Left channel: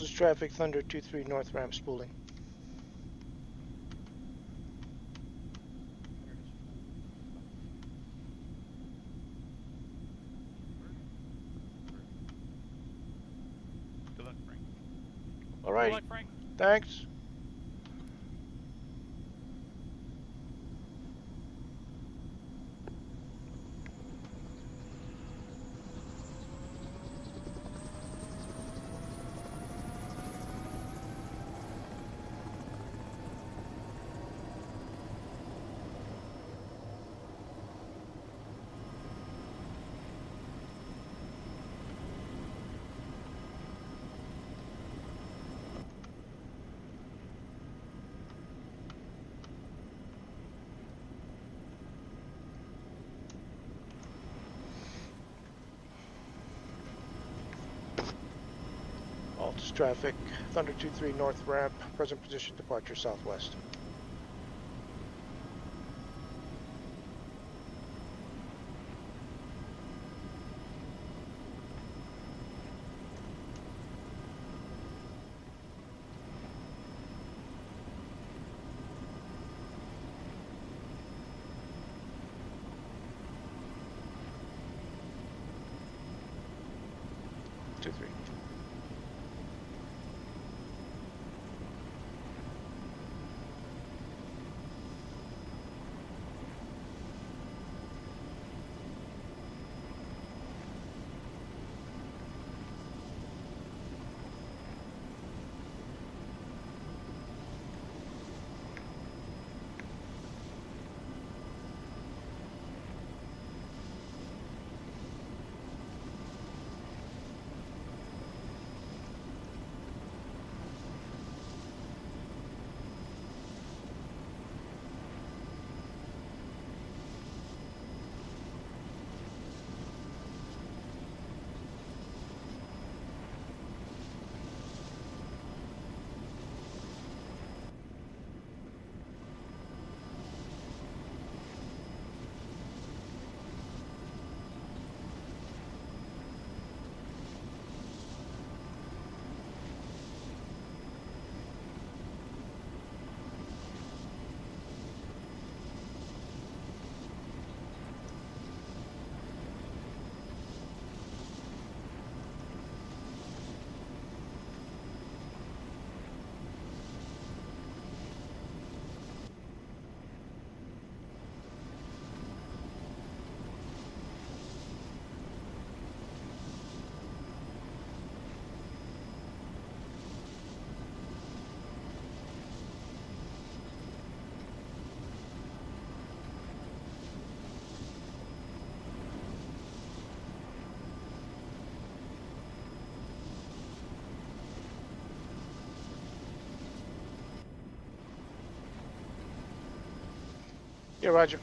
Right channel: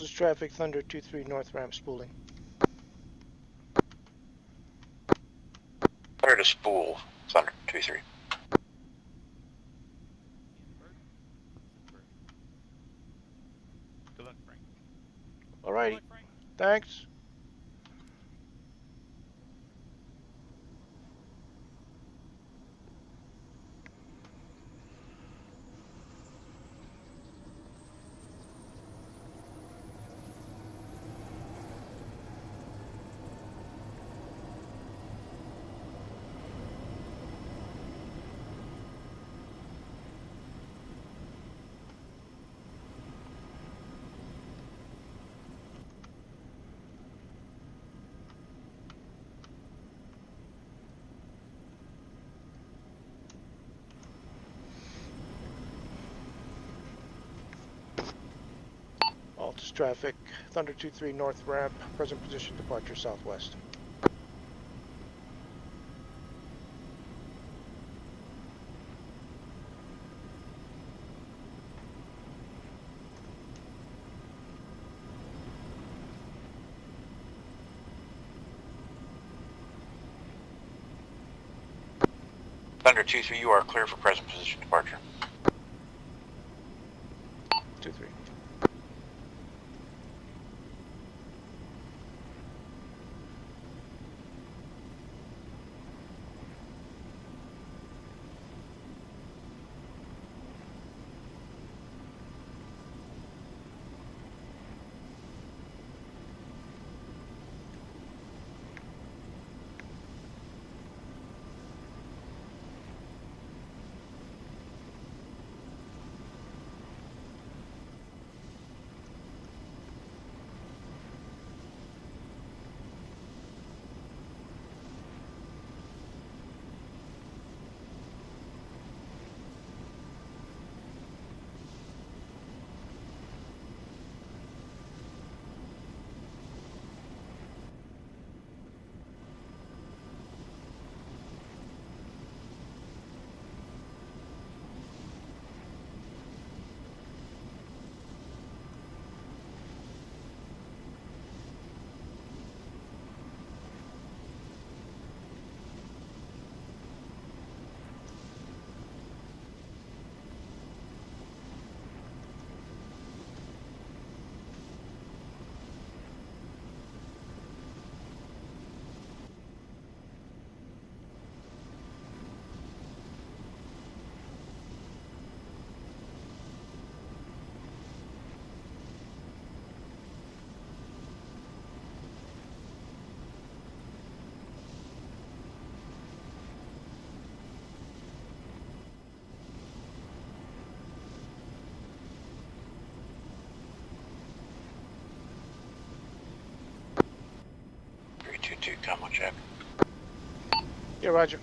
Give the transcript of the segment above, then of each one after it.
Altus traffic, Thunder 23 north ramp spooling. Thunder to spool, Thunder 23. Good luck, Frank. Alrighty. Good luck, Frank. Thanks. Altus traffic, Thunder 23 north ramp, present position departure southwest. Thunder 23, you are clear for present position departure. 23. Combo check. Yeah, roger.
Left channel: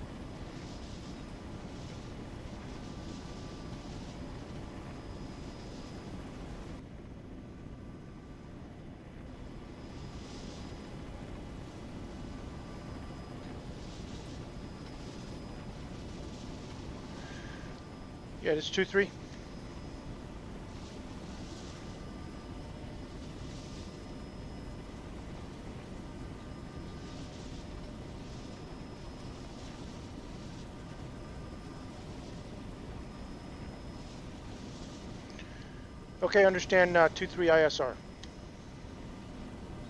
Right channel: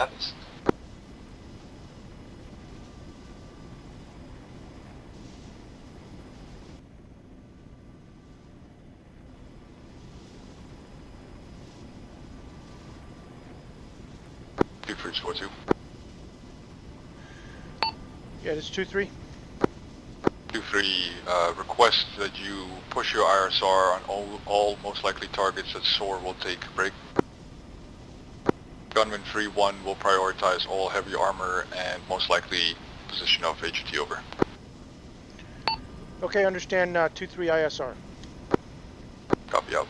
copies. Yeah, it's 2-3. 2-3, request that you push your ISR on all most likely targets that SOAR will take a break. Gunman 3-1 will prioritize all heavy armor and most likely position of HT over. Okay, understand 2-3 ISR. Copy out.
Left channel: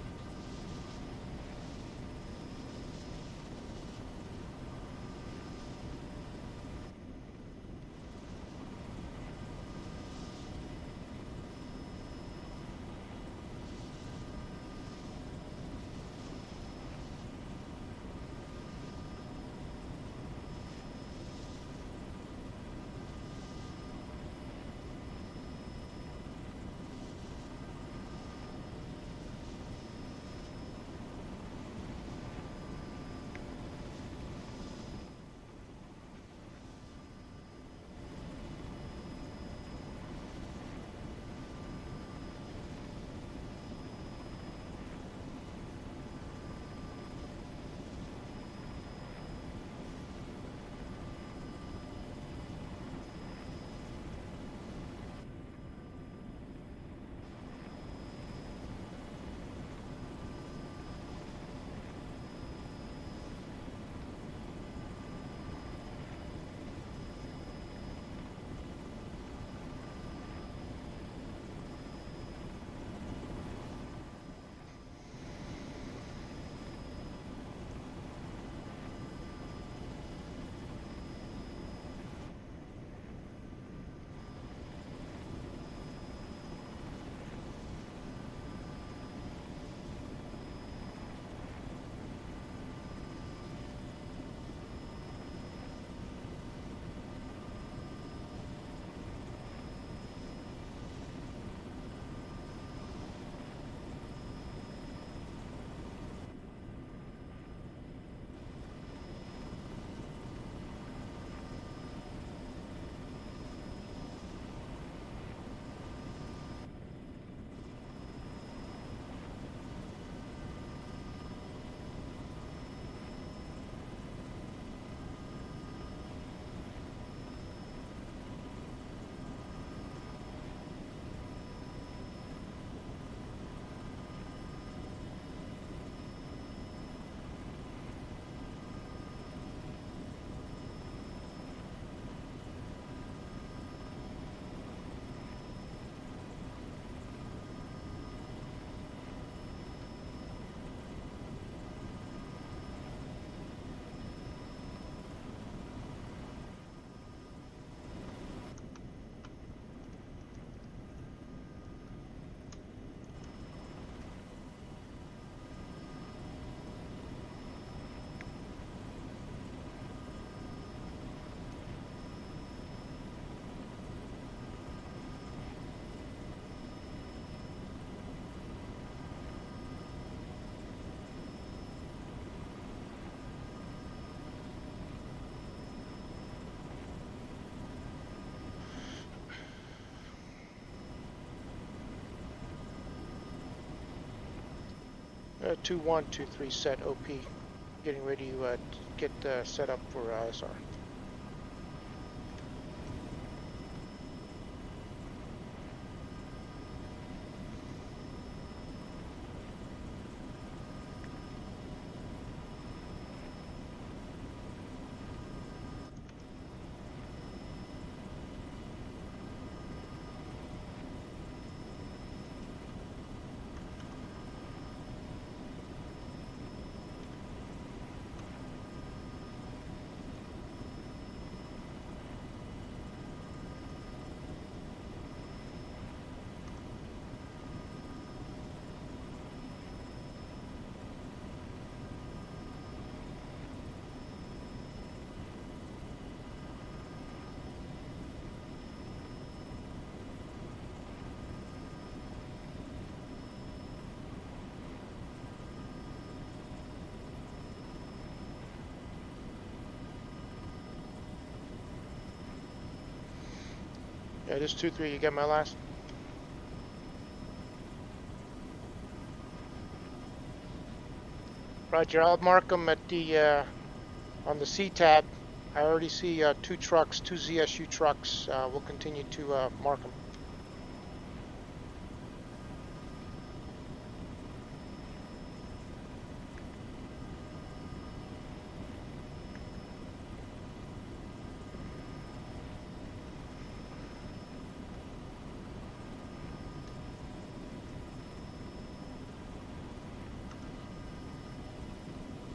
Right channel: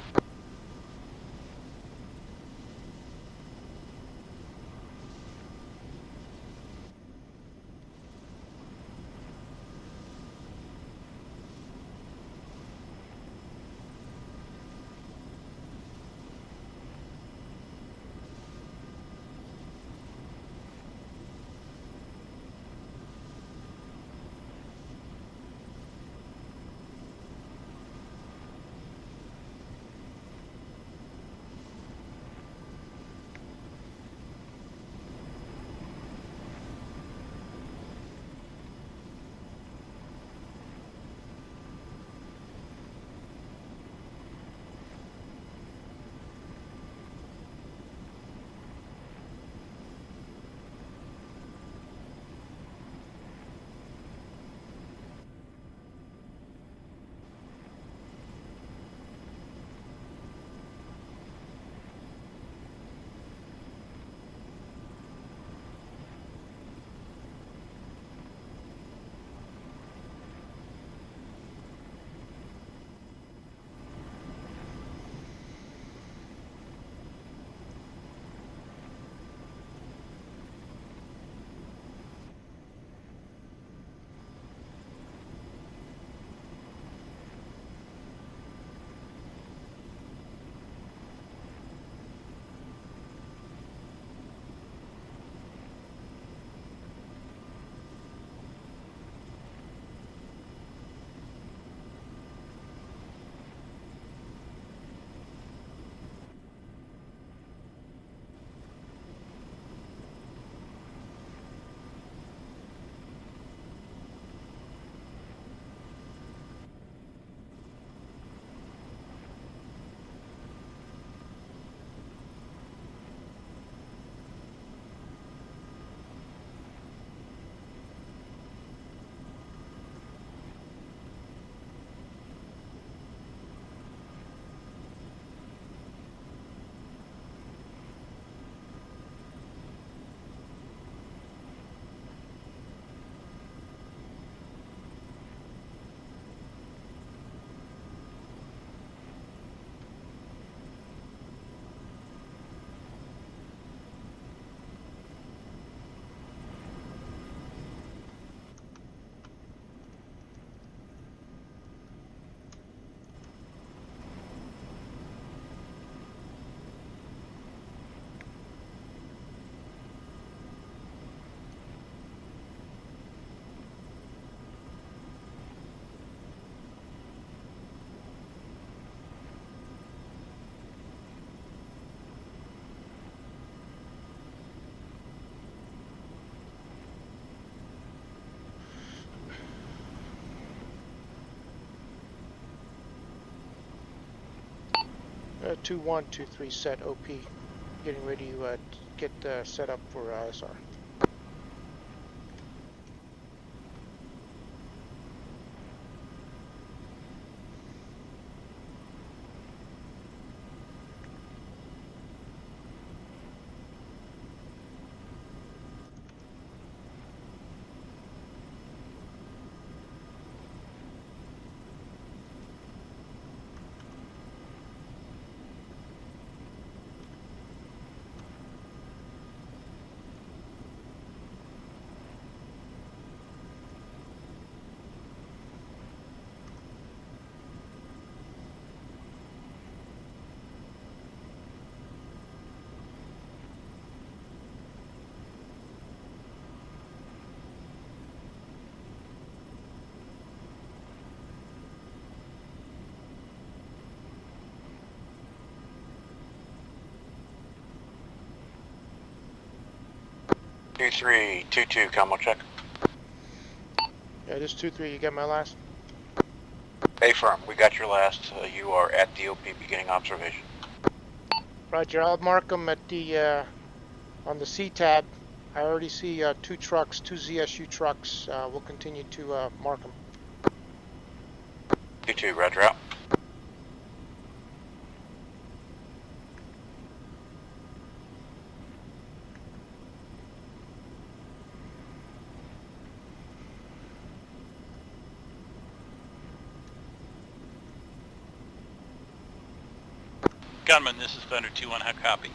Uh, 2-1, 2-3 set OP. Getting ready to get set up for ISR. 2322, combo check. Yeah, this 2-3, you got my last? Affirm, we got your last. You are at the OP beginning observation. Roger, I'll mark them at the, on the C tab. I already see 2 trucks, 2 ZSU trucks. We'll continue to mark them. 22, roger out. Gunman, this is Thunder 2-1, how copy?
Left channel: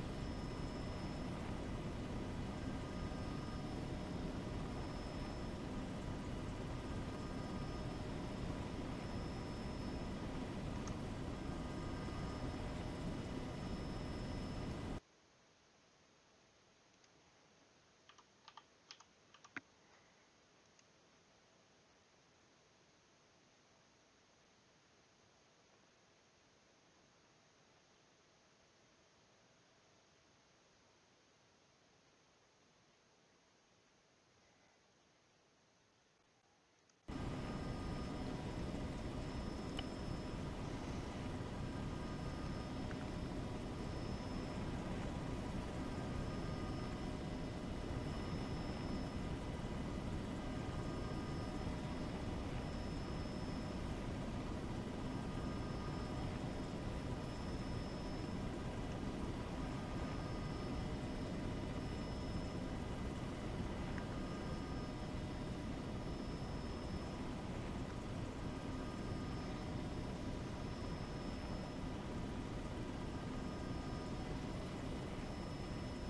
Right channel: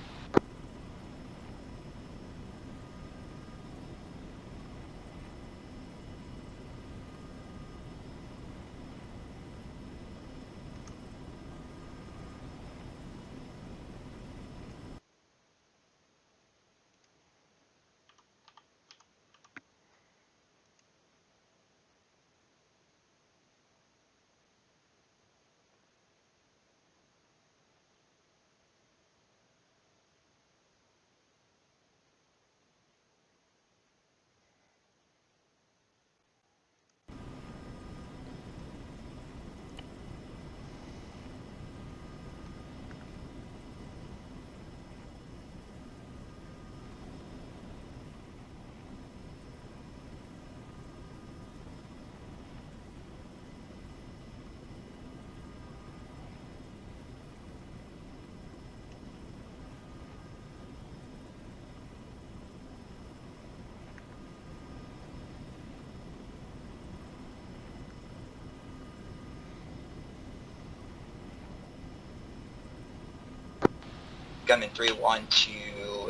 Gunman 3-1 to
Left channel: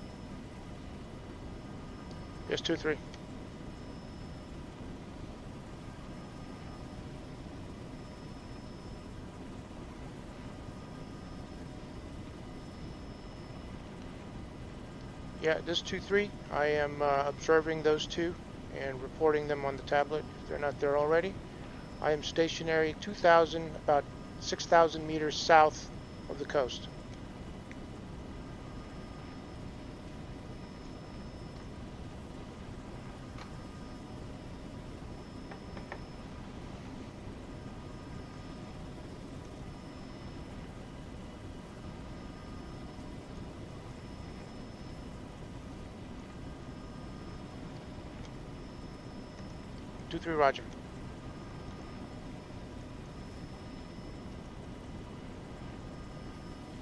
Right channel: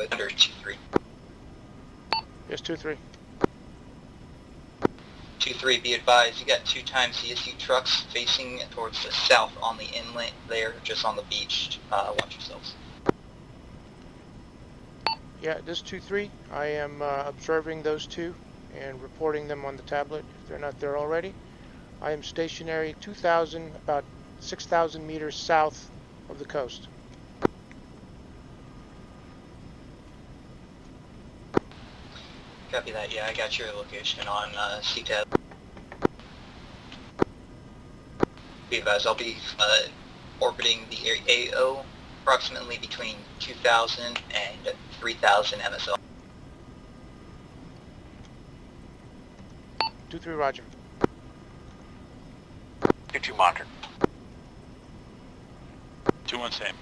Thunder 2-3. Yes, 2-3. 2-3, be advised, you got 2 times CSU trucks facing towards the south on the inlet there, just on the beach. Watch yourselves. Yeah, this 2-3, I am observing those 2 and reporting them on the tablet if they're not there already. I am stationary 2,000, about 6,000 meters south of the coast. Copy that, yeah, I got your location on CTAB. Be advised, I'll be orbiting the area AO approximately between 2,000 and 3,000 MSL. 2-3, roger. 22 monitored. 2-1 same.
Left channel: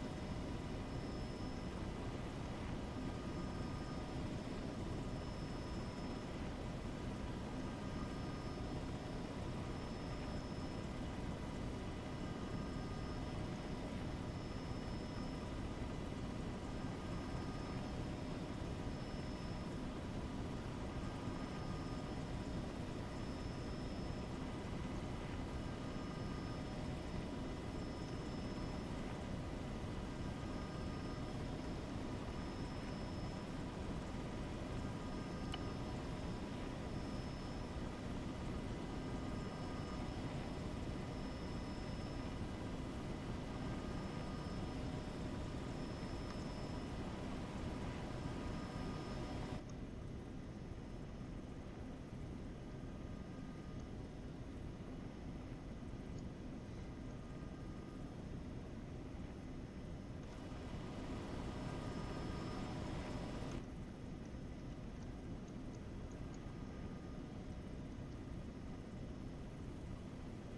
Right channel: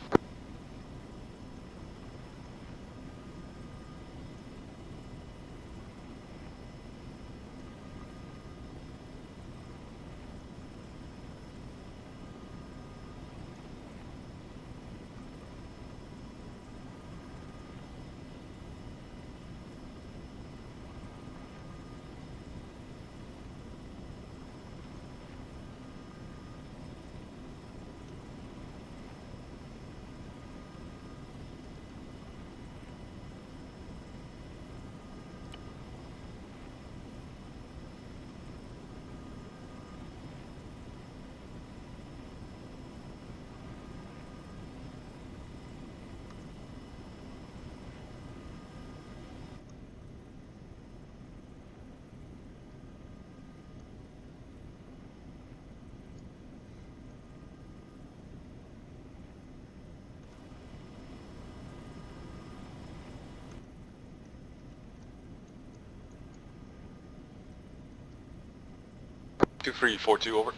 Two three four two over.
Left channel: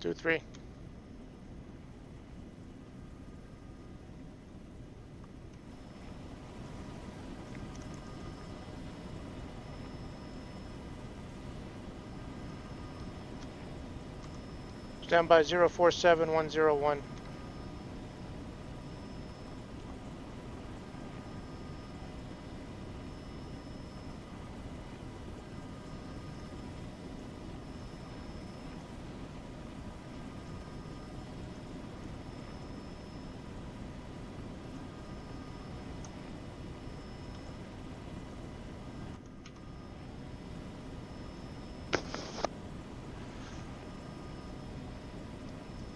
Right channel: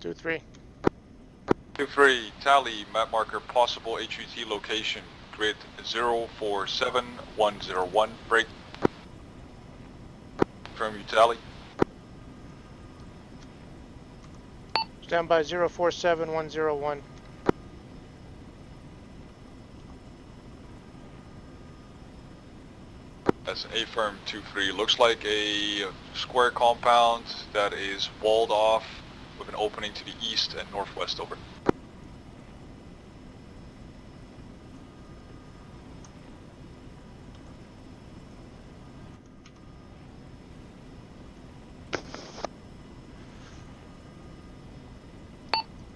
2-3. 2-3, tally map marker possible HVT location grid 047101 break. Confirm you tally. Stand by 047101. That's affirm 2-3. Looks like a square compound that is walled off with an opening to the east and northwest over.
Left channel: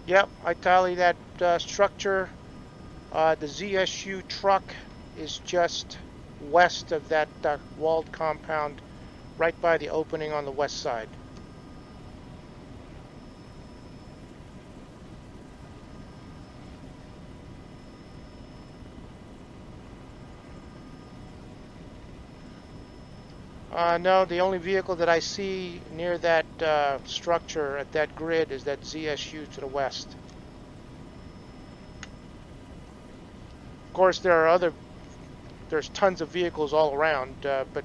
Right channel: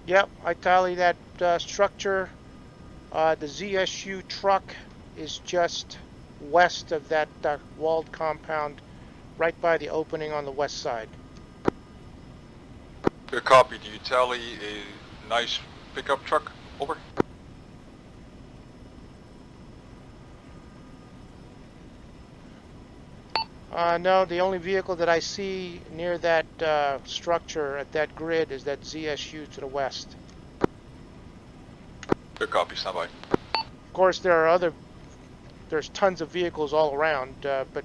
Yep, I tally that structure. The ZSU truck is just west of that walled compound, right by the opening on the west side. Good copy. Do you tally a nice pickup truck? Over. No, the only vehicle that I see near that structure at that grid is that ZSU to the west. Good copy. Stand by. Of course, there's tons of vehicles all around, but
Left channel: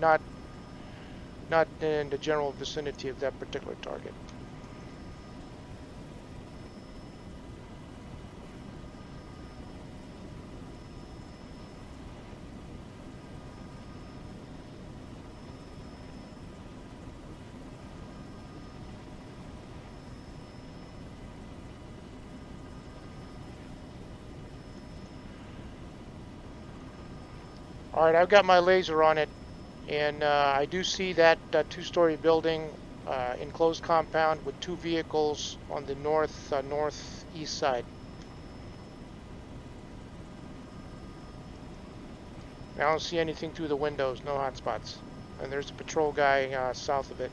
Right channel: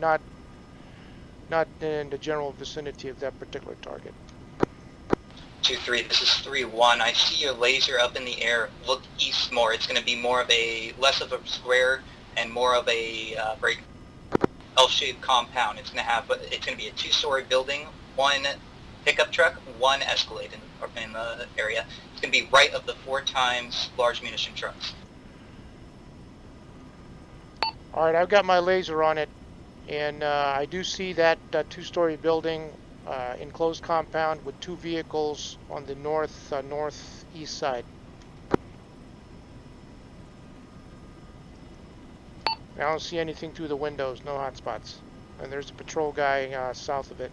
not in the general vicinity of that particular target. 2-3, this is 3-1. I see your laser up in the air. Look east more. It's going to be more of less of a square and more of a very L-shaped compound. It's going to be a 2-story building, 1 pickup truck, 1 Escalade in the area. It's going to be right of the 4 times large munition trucks. All right, I've got my laser on it, and I do see that 2-story building, enclosed compound with 2 vehicles on the northeast side. I don't see anything through the windows, no hotspots. And there's a patrol guy south of it.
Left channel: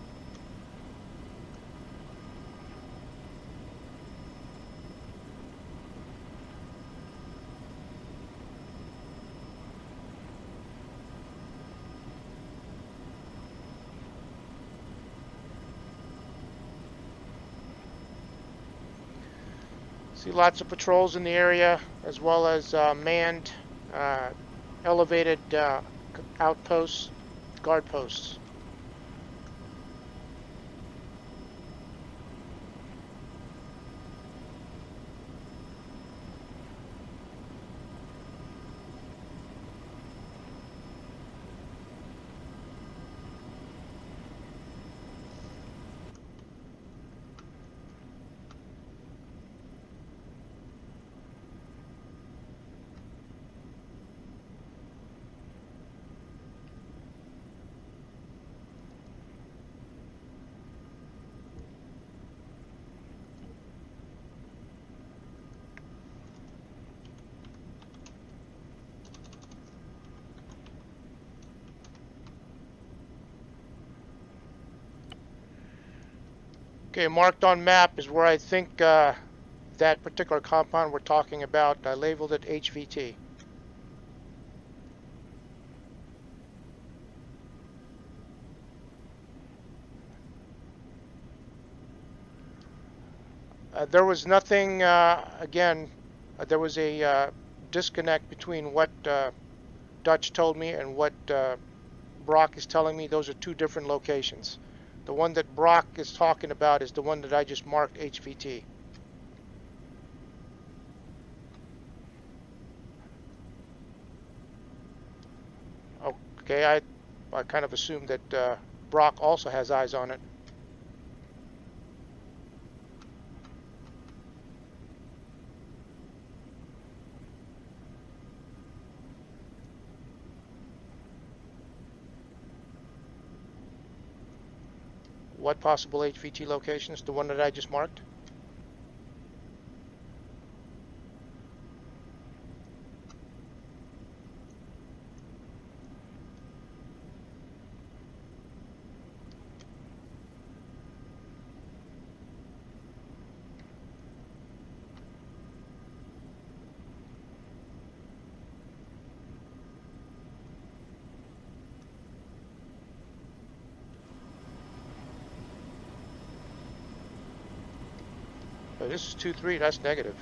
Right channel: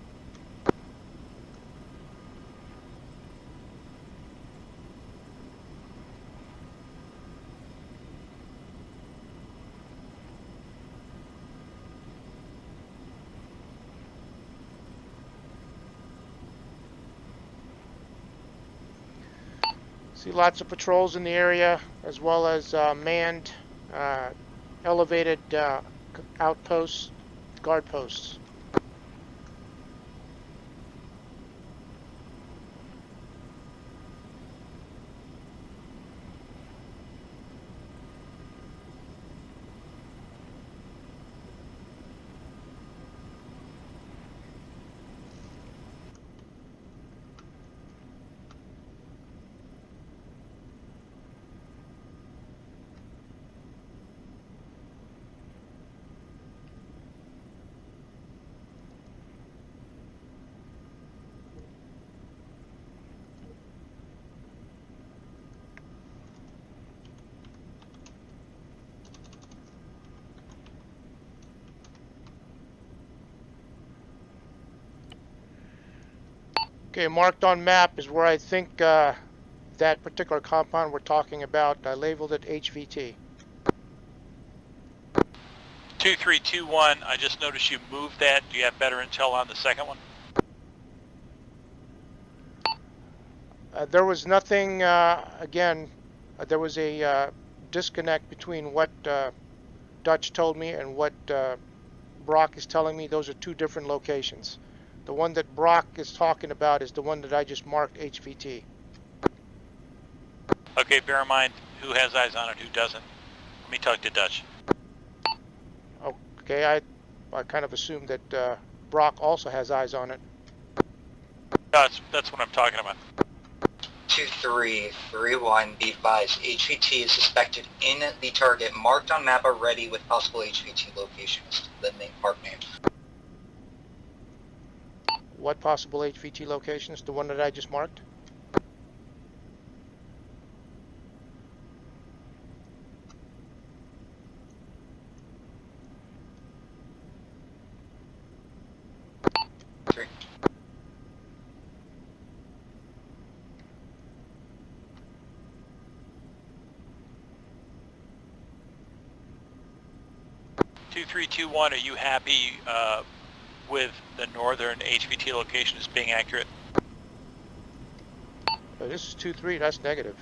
See lots of patrols in the area, as well as manned, elevated outposts, guard posts. Okay, marked on map is where I think that particular compound we're talking about. I labeled it HVT. 2321, I just noticed you moved that. Do you have better intel on the second one? There was nothing, again, there was a disconnect between what Dutch told me and what Brock is telling me. Those are 2 different locations. The one that Brock is talking about is the one that I just marked HVT. Okay, bear in mind who has eyes on it, who doesn't. Let me talk to Dutch. Okay, I kind of assumed that Brock also has eyes on it. That's what I'm talking about. 2-3, 3-1, be advised. HVT is suspected in the target, marked on map already with possible HVT locations. The park name. What possible HVT locations? The one that I just marked? Two, 3, 2, 1, are you happy with the northern HVT location as being accurate? This is 2-3, that's negative.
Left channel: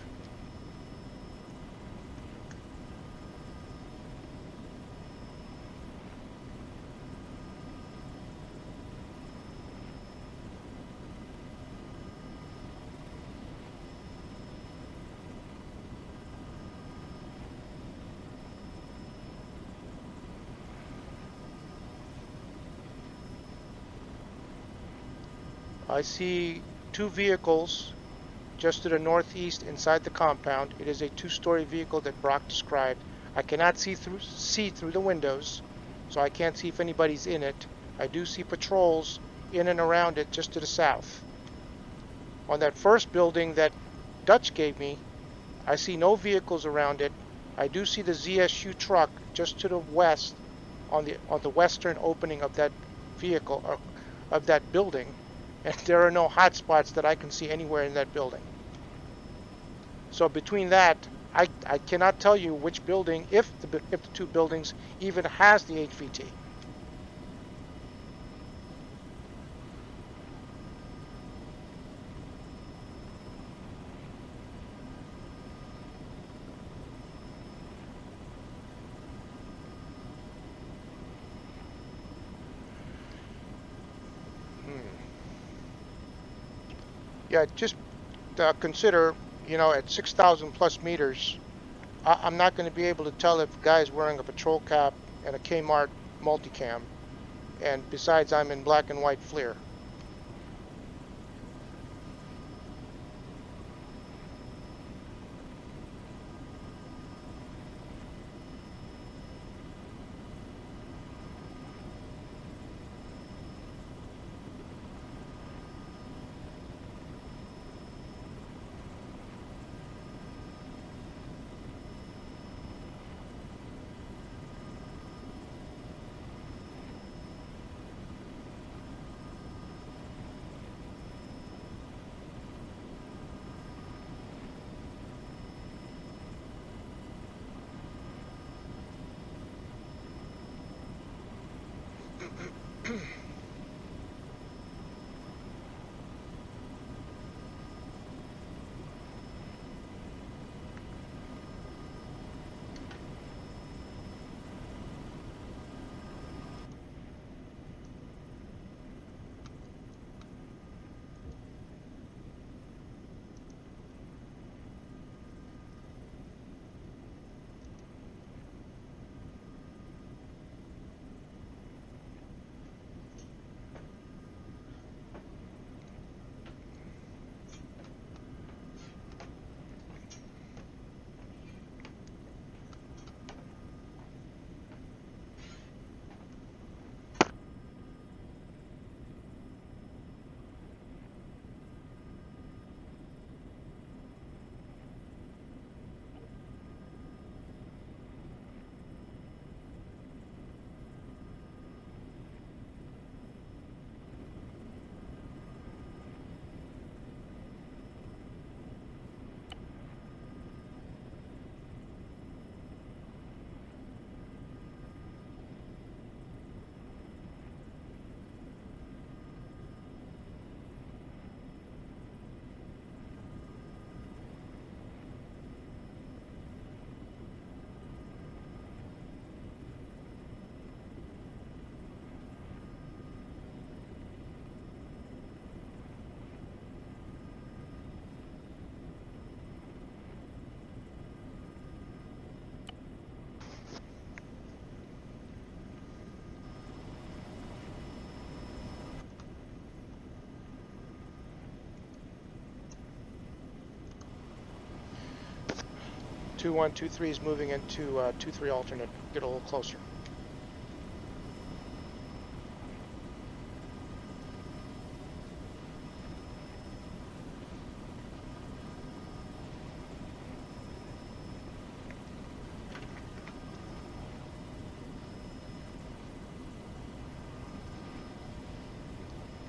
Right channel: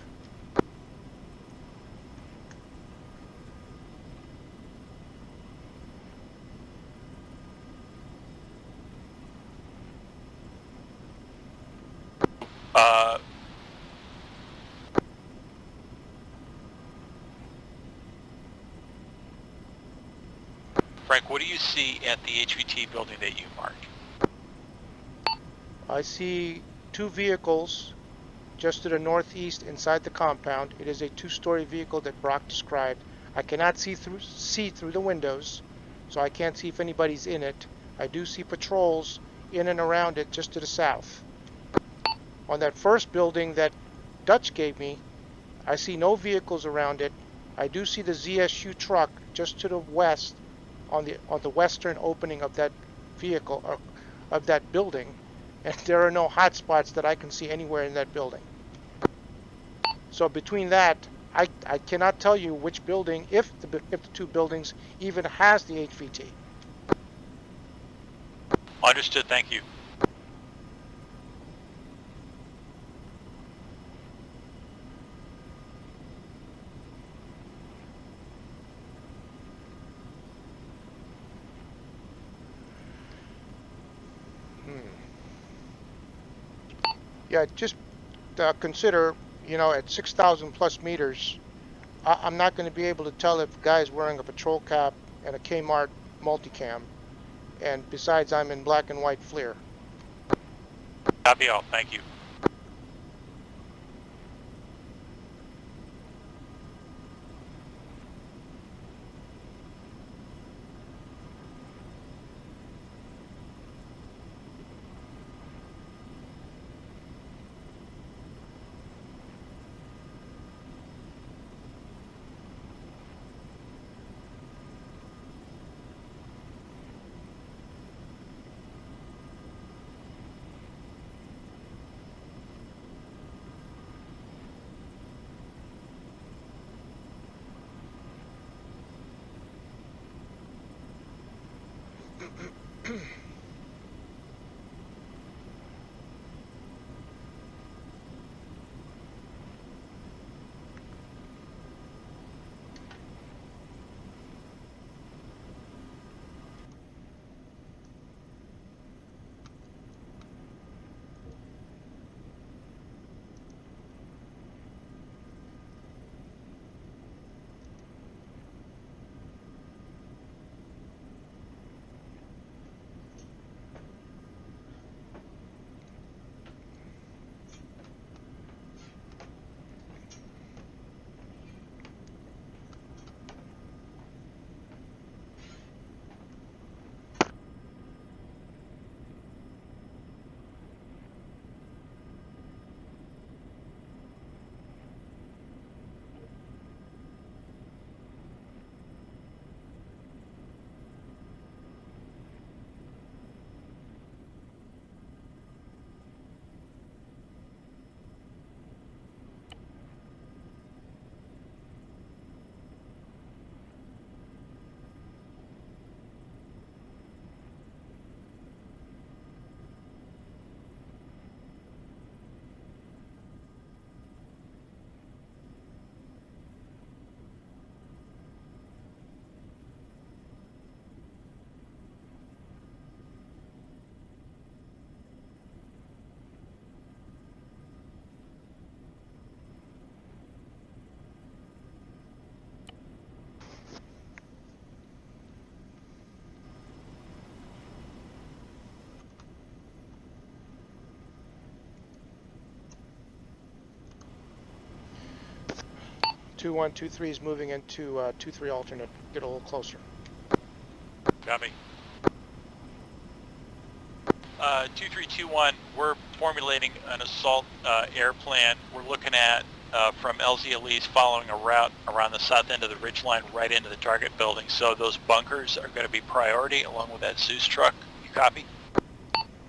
Frank, what do you see at the HVT building that you marked? I see 2 vehicles just to the northeast inside the compound. It is a 2-story vehicle that Brock described. I cannot see through the windows, so I can't see if anybody's in it. I do see patrols in and around it just to the south. On that first building that Dutch gave me, I see no vehicles around it. I do see the ZSU truck just to the west on the western opening of that vehicle, of that building, and there are no hot spots that I can see anywhere in that building. So between that, I cannot tell you which building, if the two buildings even has the HVT. Understood, thank you. Yeah, just consider, at 6,000 plus meters, I'm not going to be able to tell if a guy's wearing a patrol cap and a Kmart multicam. And besides, I'm in black and white FLIR. Copy all, thank you. Hmm. 2123 is moving into 23 alternate. Get a little closer. Copy. 2321, we're formulating an assault air plan. We're looking at from LZ Elise following a route around the south end of the ridge line right into the target building. So those bunkers are going to be priority along with that Zeus truck. You copy?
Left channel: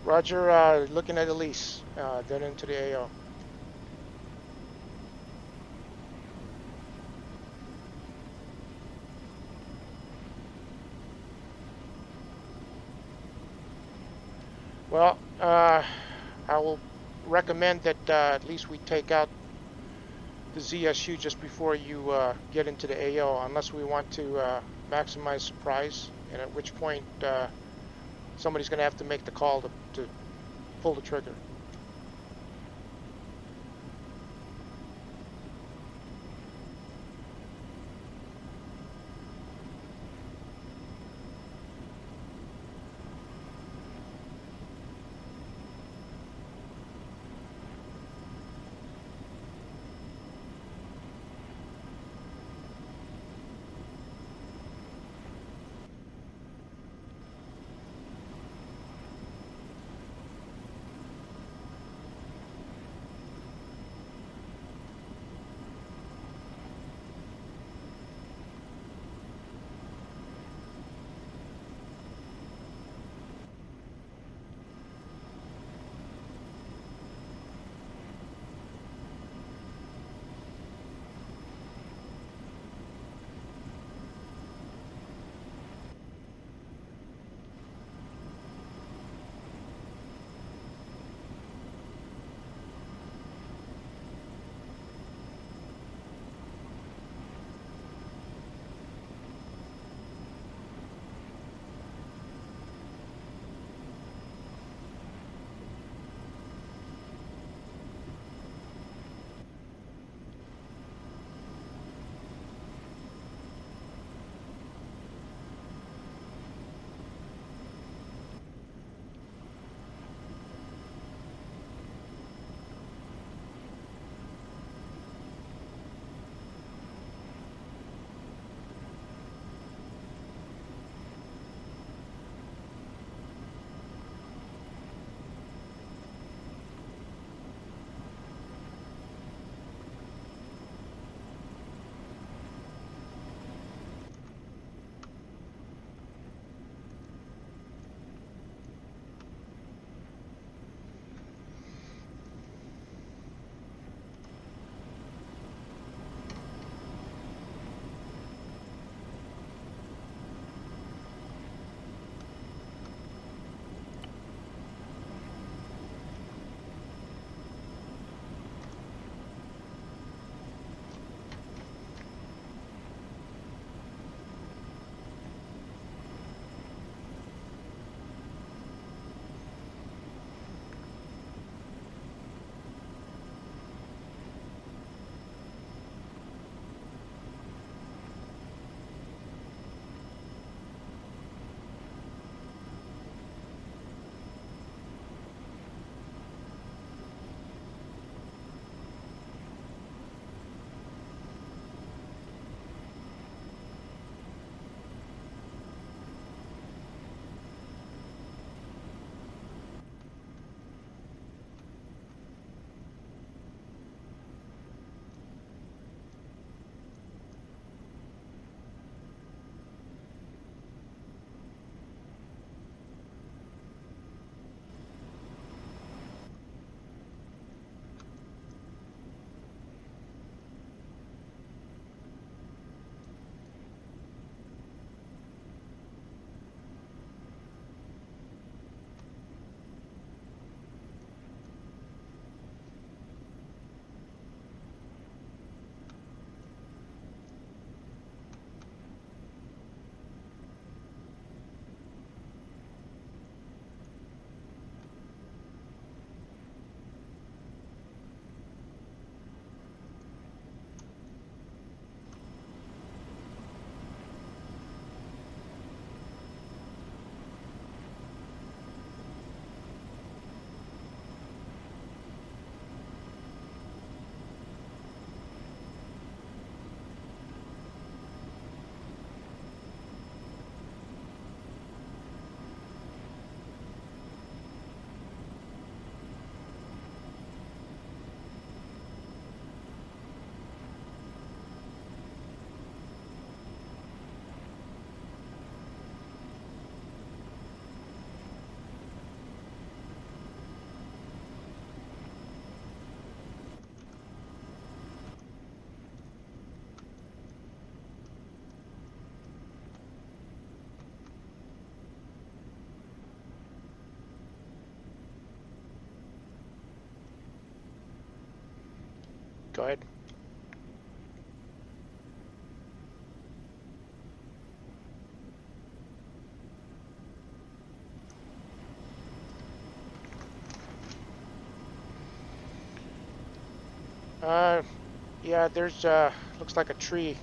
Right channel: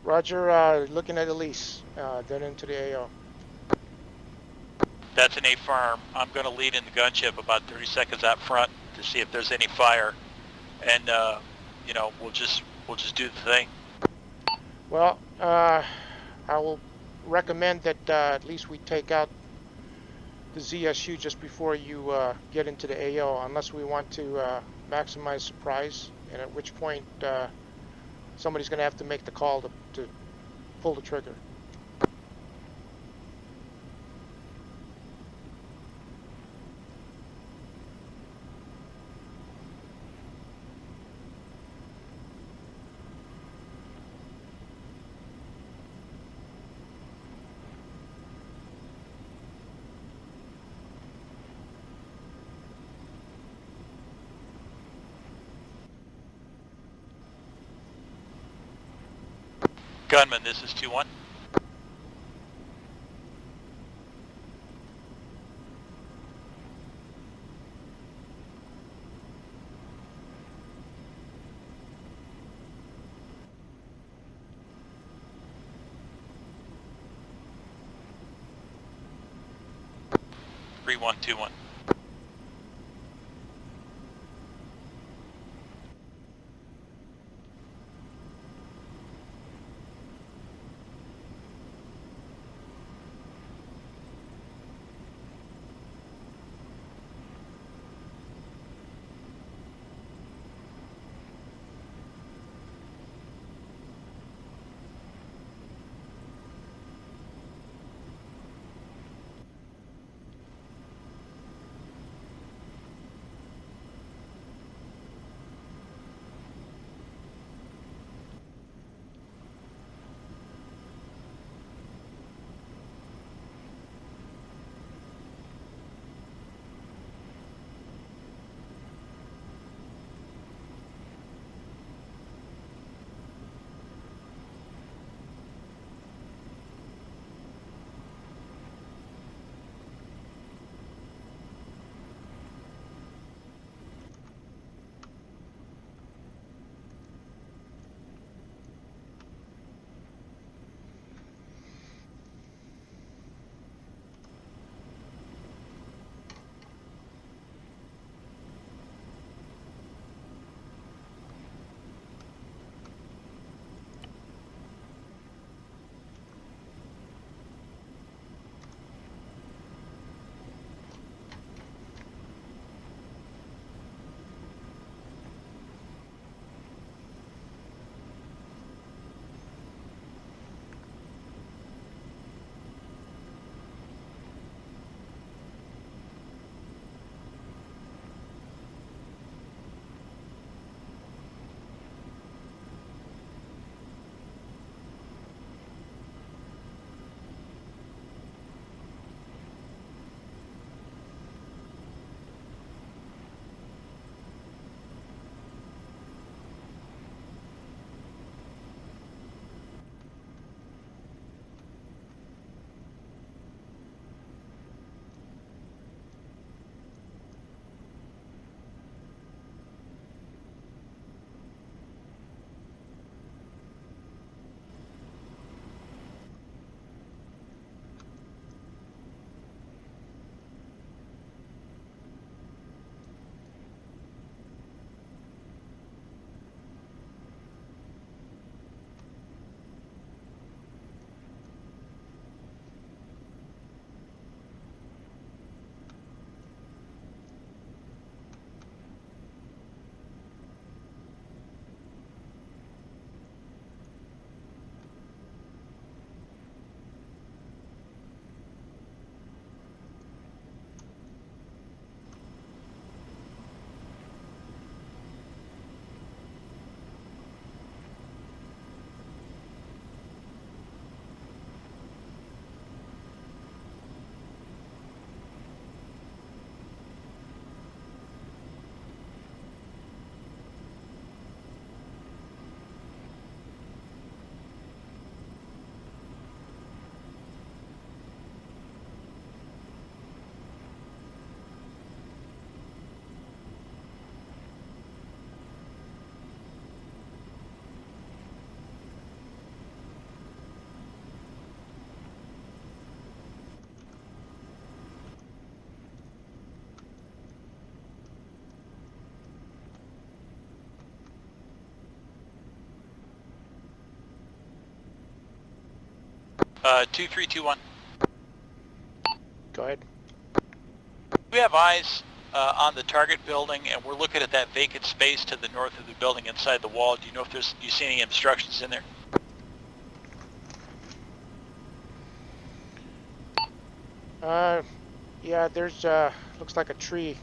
Roger, looking at Elise, then into the AO. That's an A firm. I'm going to lead in the gunship about 30 seconds out front to see if there's any fire, and we'll just do the thing. Well, I will recommend that at least we take out the ZSU just before you get into the AO, unless we want to maximize surprise, and at which point somebody's going to have to make the call to pull the trigger. Gunman, this is 2-1. 3121. Uh, 2321. Go ahead. We have eyes on the target building, and we're looking at that vacant space to the north of the building inside the wall. Do you know if you see any obstructions in there? Yeah, there's looks like a tree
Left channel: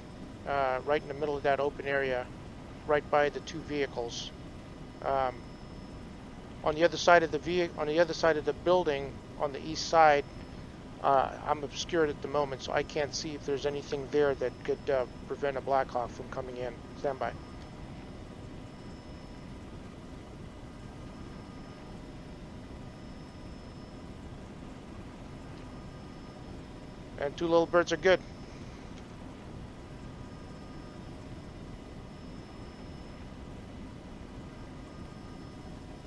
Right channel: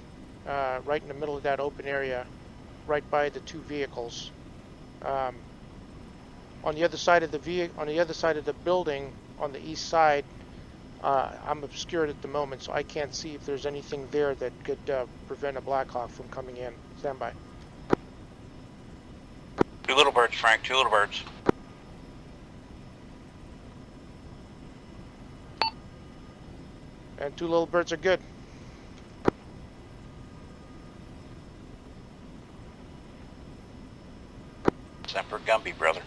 right in the middle of that open area, right by the two vehicles. On the other side of the building, on the east side, I'm obscured at the moment, so I can't see if there's anything there that could prevent a Blackhawk from coming in. Stand by. 2 little birds, Frank, 2 little birds. And 2 little birds are good. Semper Gumby, brother.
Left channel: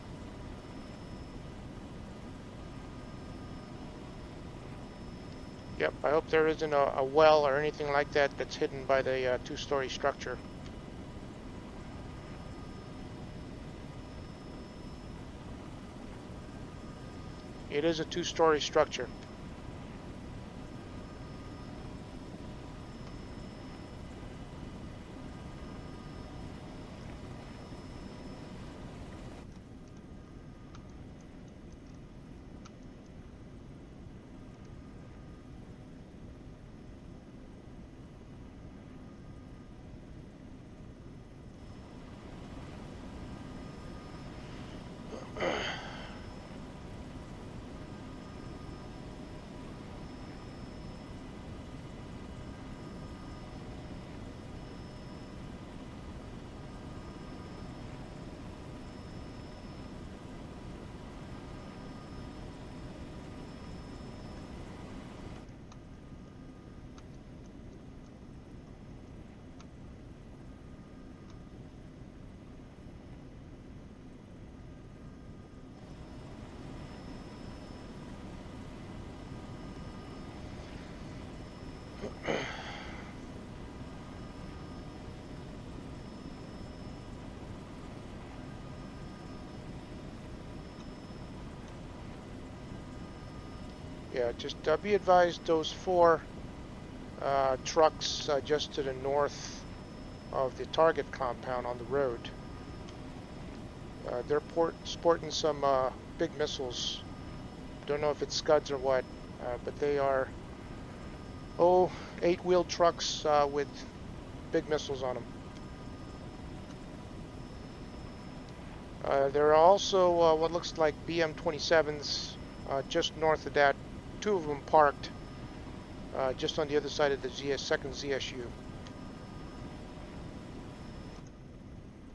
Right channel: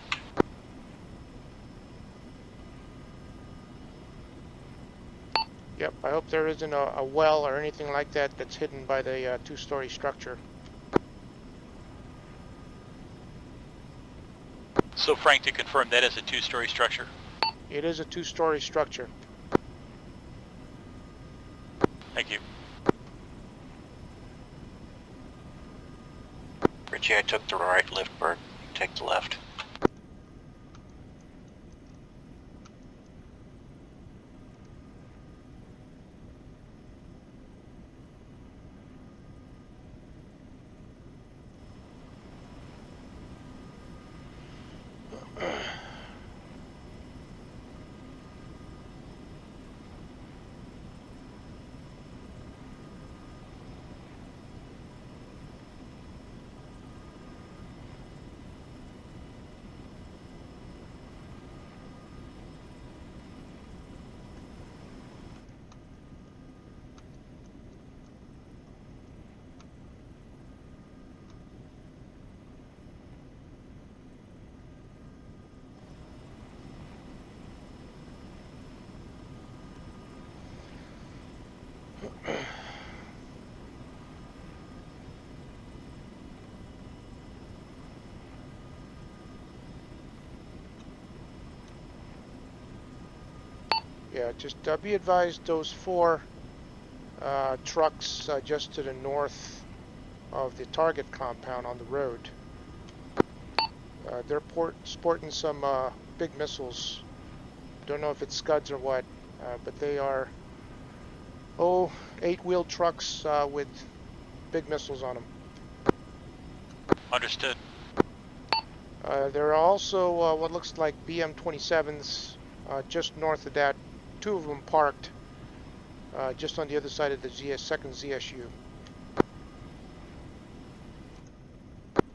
Yep, I hope there isn't a well or anything like that that's hidden by the two-story structure. So Frank, to confirm, that is a two-story structure? It is a two-story structure. Thank you. Richie, I took the right lift bird. Take the left. Yeah, just be advised those four trucks just to the north of the target compound on the road. They're sporting some big missiles. Don't know if it's Scuds or what, but they are, 8-wheeled trucks with big missiles on them. Understood. There are also what looks like BM-27s just north of that. 2 of them parked just on the other side of the second ZSU.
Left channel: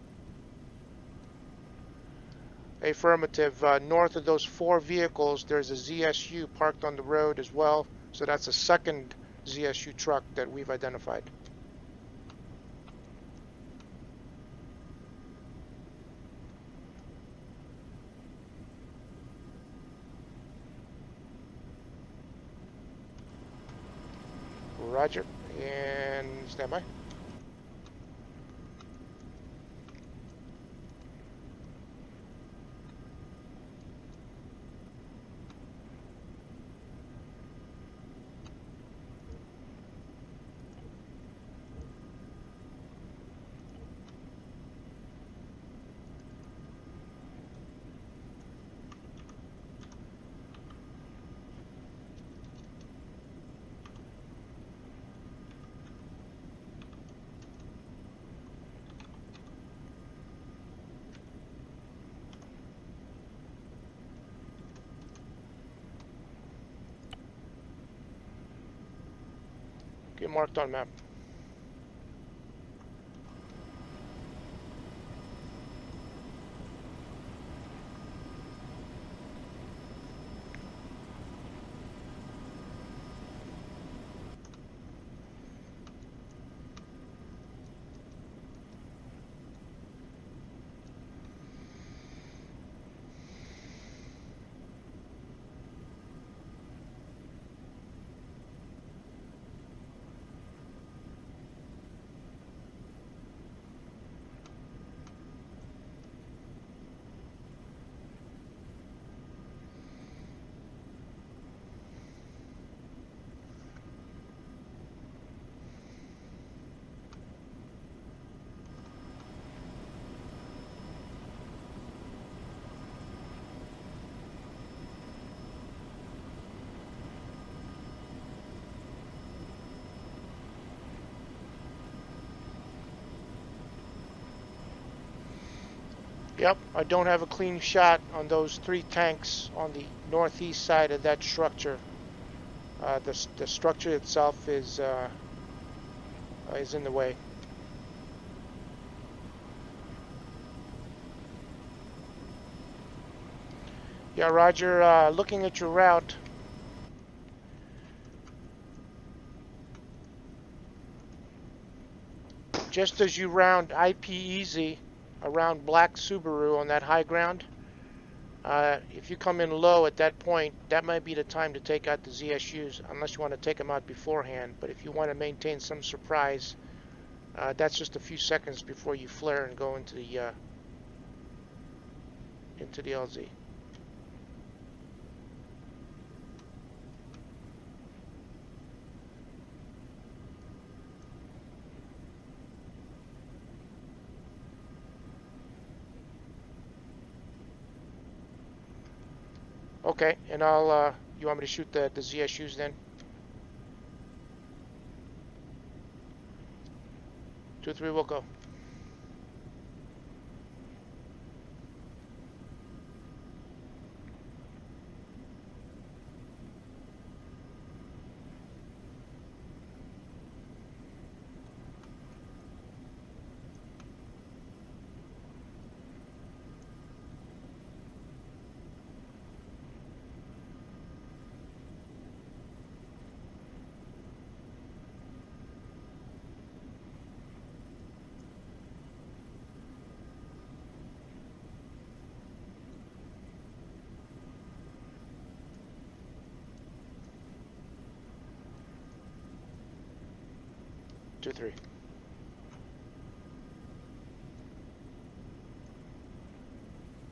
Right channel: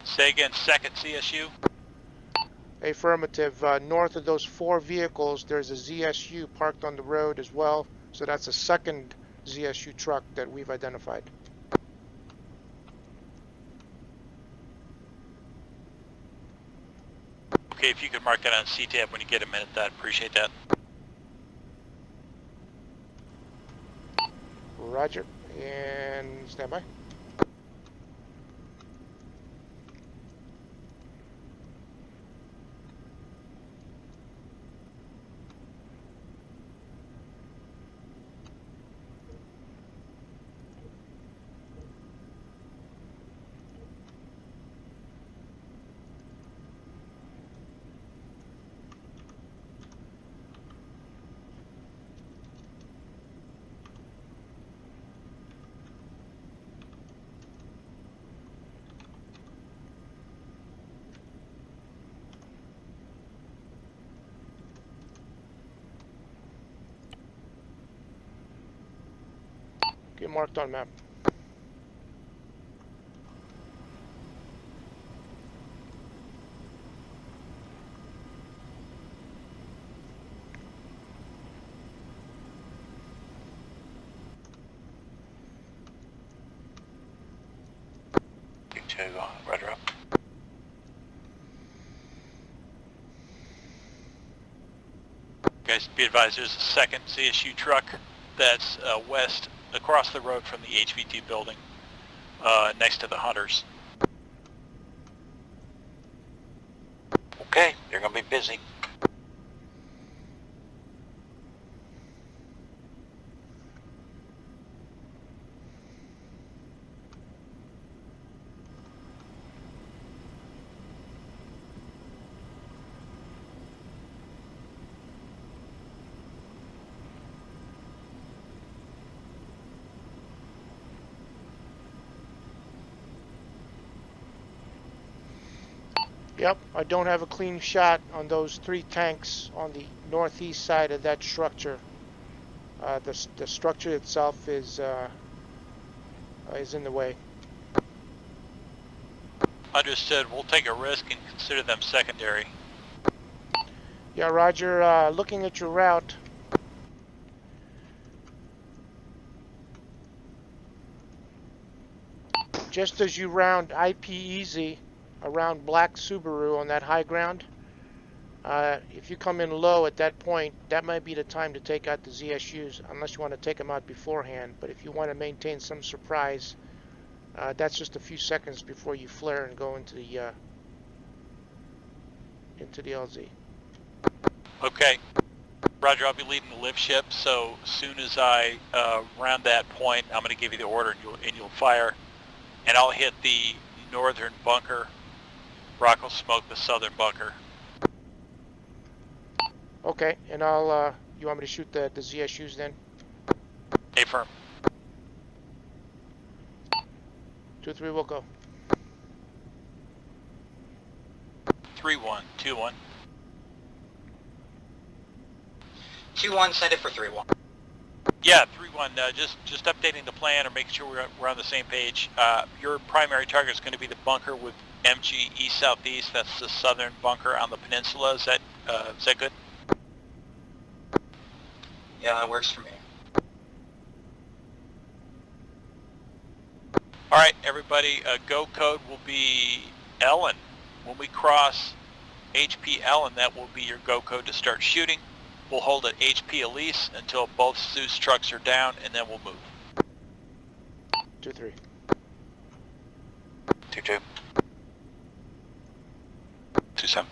Say again, second CSU? Affirmative. North of those 4 vehicles, there's a ZSU parked on the road as well. So that's a second ZSU truck that we've identified. Okay, if you could mark that on CTAB when you get a minute, I'd appreciate that. Roger. And stand by. Get marked on map. You two, rudder up. Guys, be advised, there's a second CSU truck that's west across the road from the HVT building, next to the Hunters. Okay, they're gonna be busy. Yep, I don't have a clean shot on those 3 tanks on the northeast side of that structure. The structure itself is in the way. Understood. We'll take a risk and consider them secondary. Yeah, Roger. Looking at your route. Just as you round IP Easy around Black Subaru on that high ground, If you come in low at that point, that might be the time to take out the ZSUs, unless you want to take them out beforehand. But if you want to maintain some surprise, that's just a few seconds before you flare and go into the LZ. Okay. Roger, I'll be leading the lift ship, so as soon as I round that point, I'm going to give you the order and you'll fire. And I'll hit the northern bunker. Rock will smoke the southern bunker. Okay, and I'll, you want me to shoot the ZSUs then? Affirm. 2-3, we'll go. 3-1, 2-1. 2-1, send it for 3-1. Yeah, 3-1. Just updating the plan or making sure we're on the same page. Your primary target is going to be the bunker with MG east southeast. That's the southern bunker on the peninsula. Is that good? Yeah, that works for me. All right, everybody. Go code will be Ellen. When we cross HP Ellen, that will be your go code to start shooting. We'll hold at HP Elise until both Zeus trucks are down, and then we'll move. 2-3. 2-2. 2-7.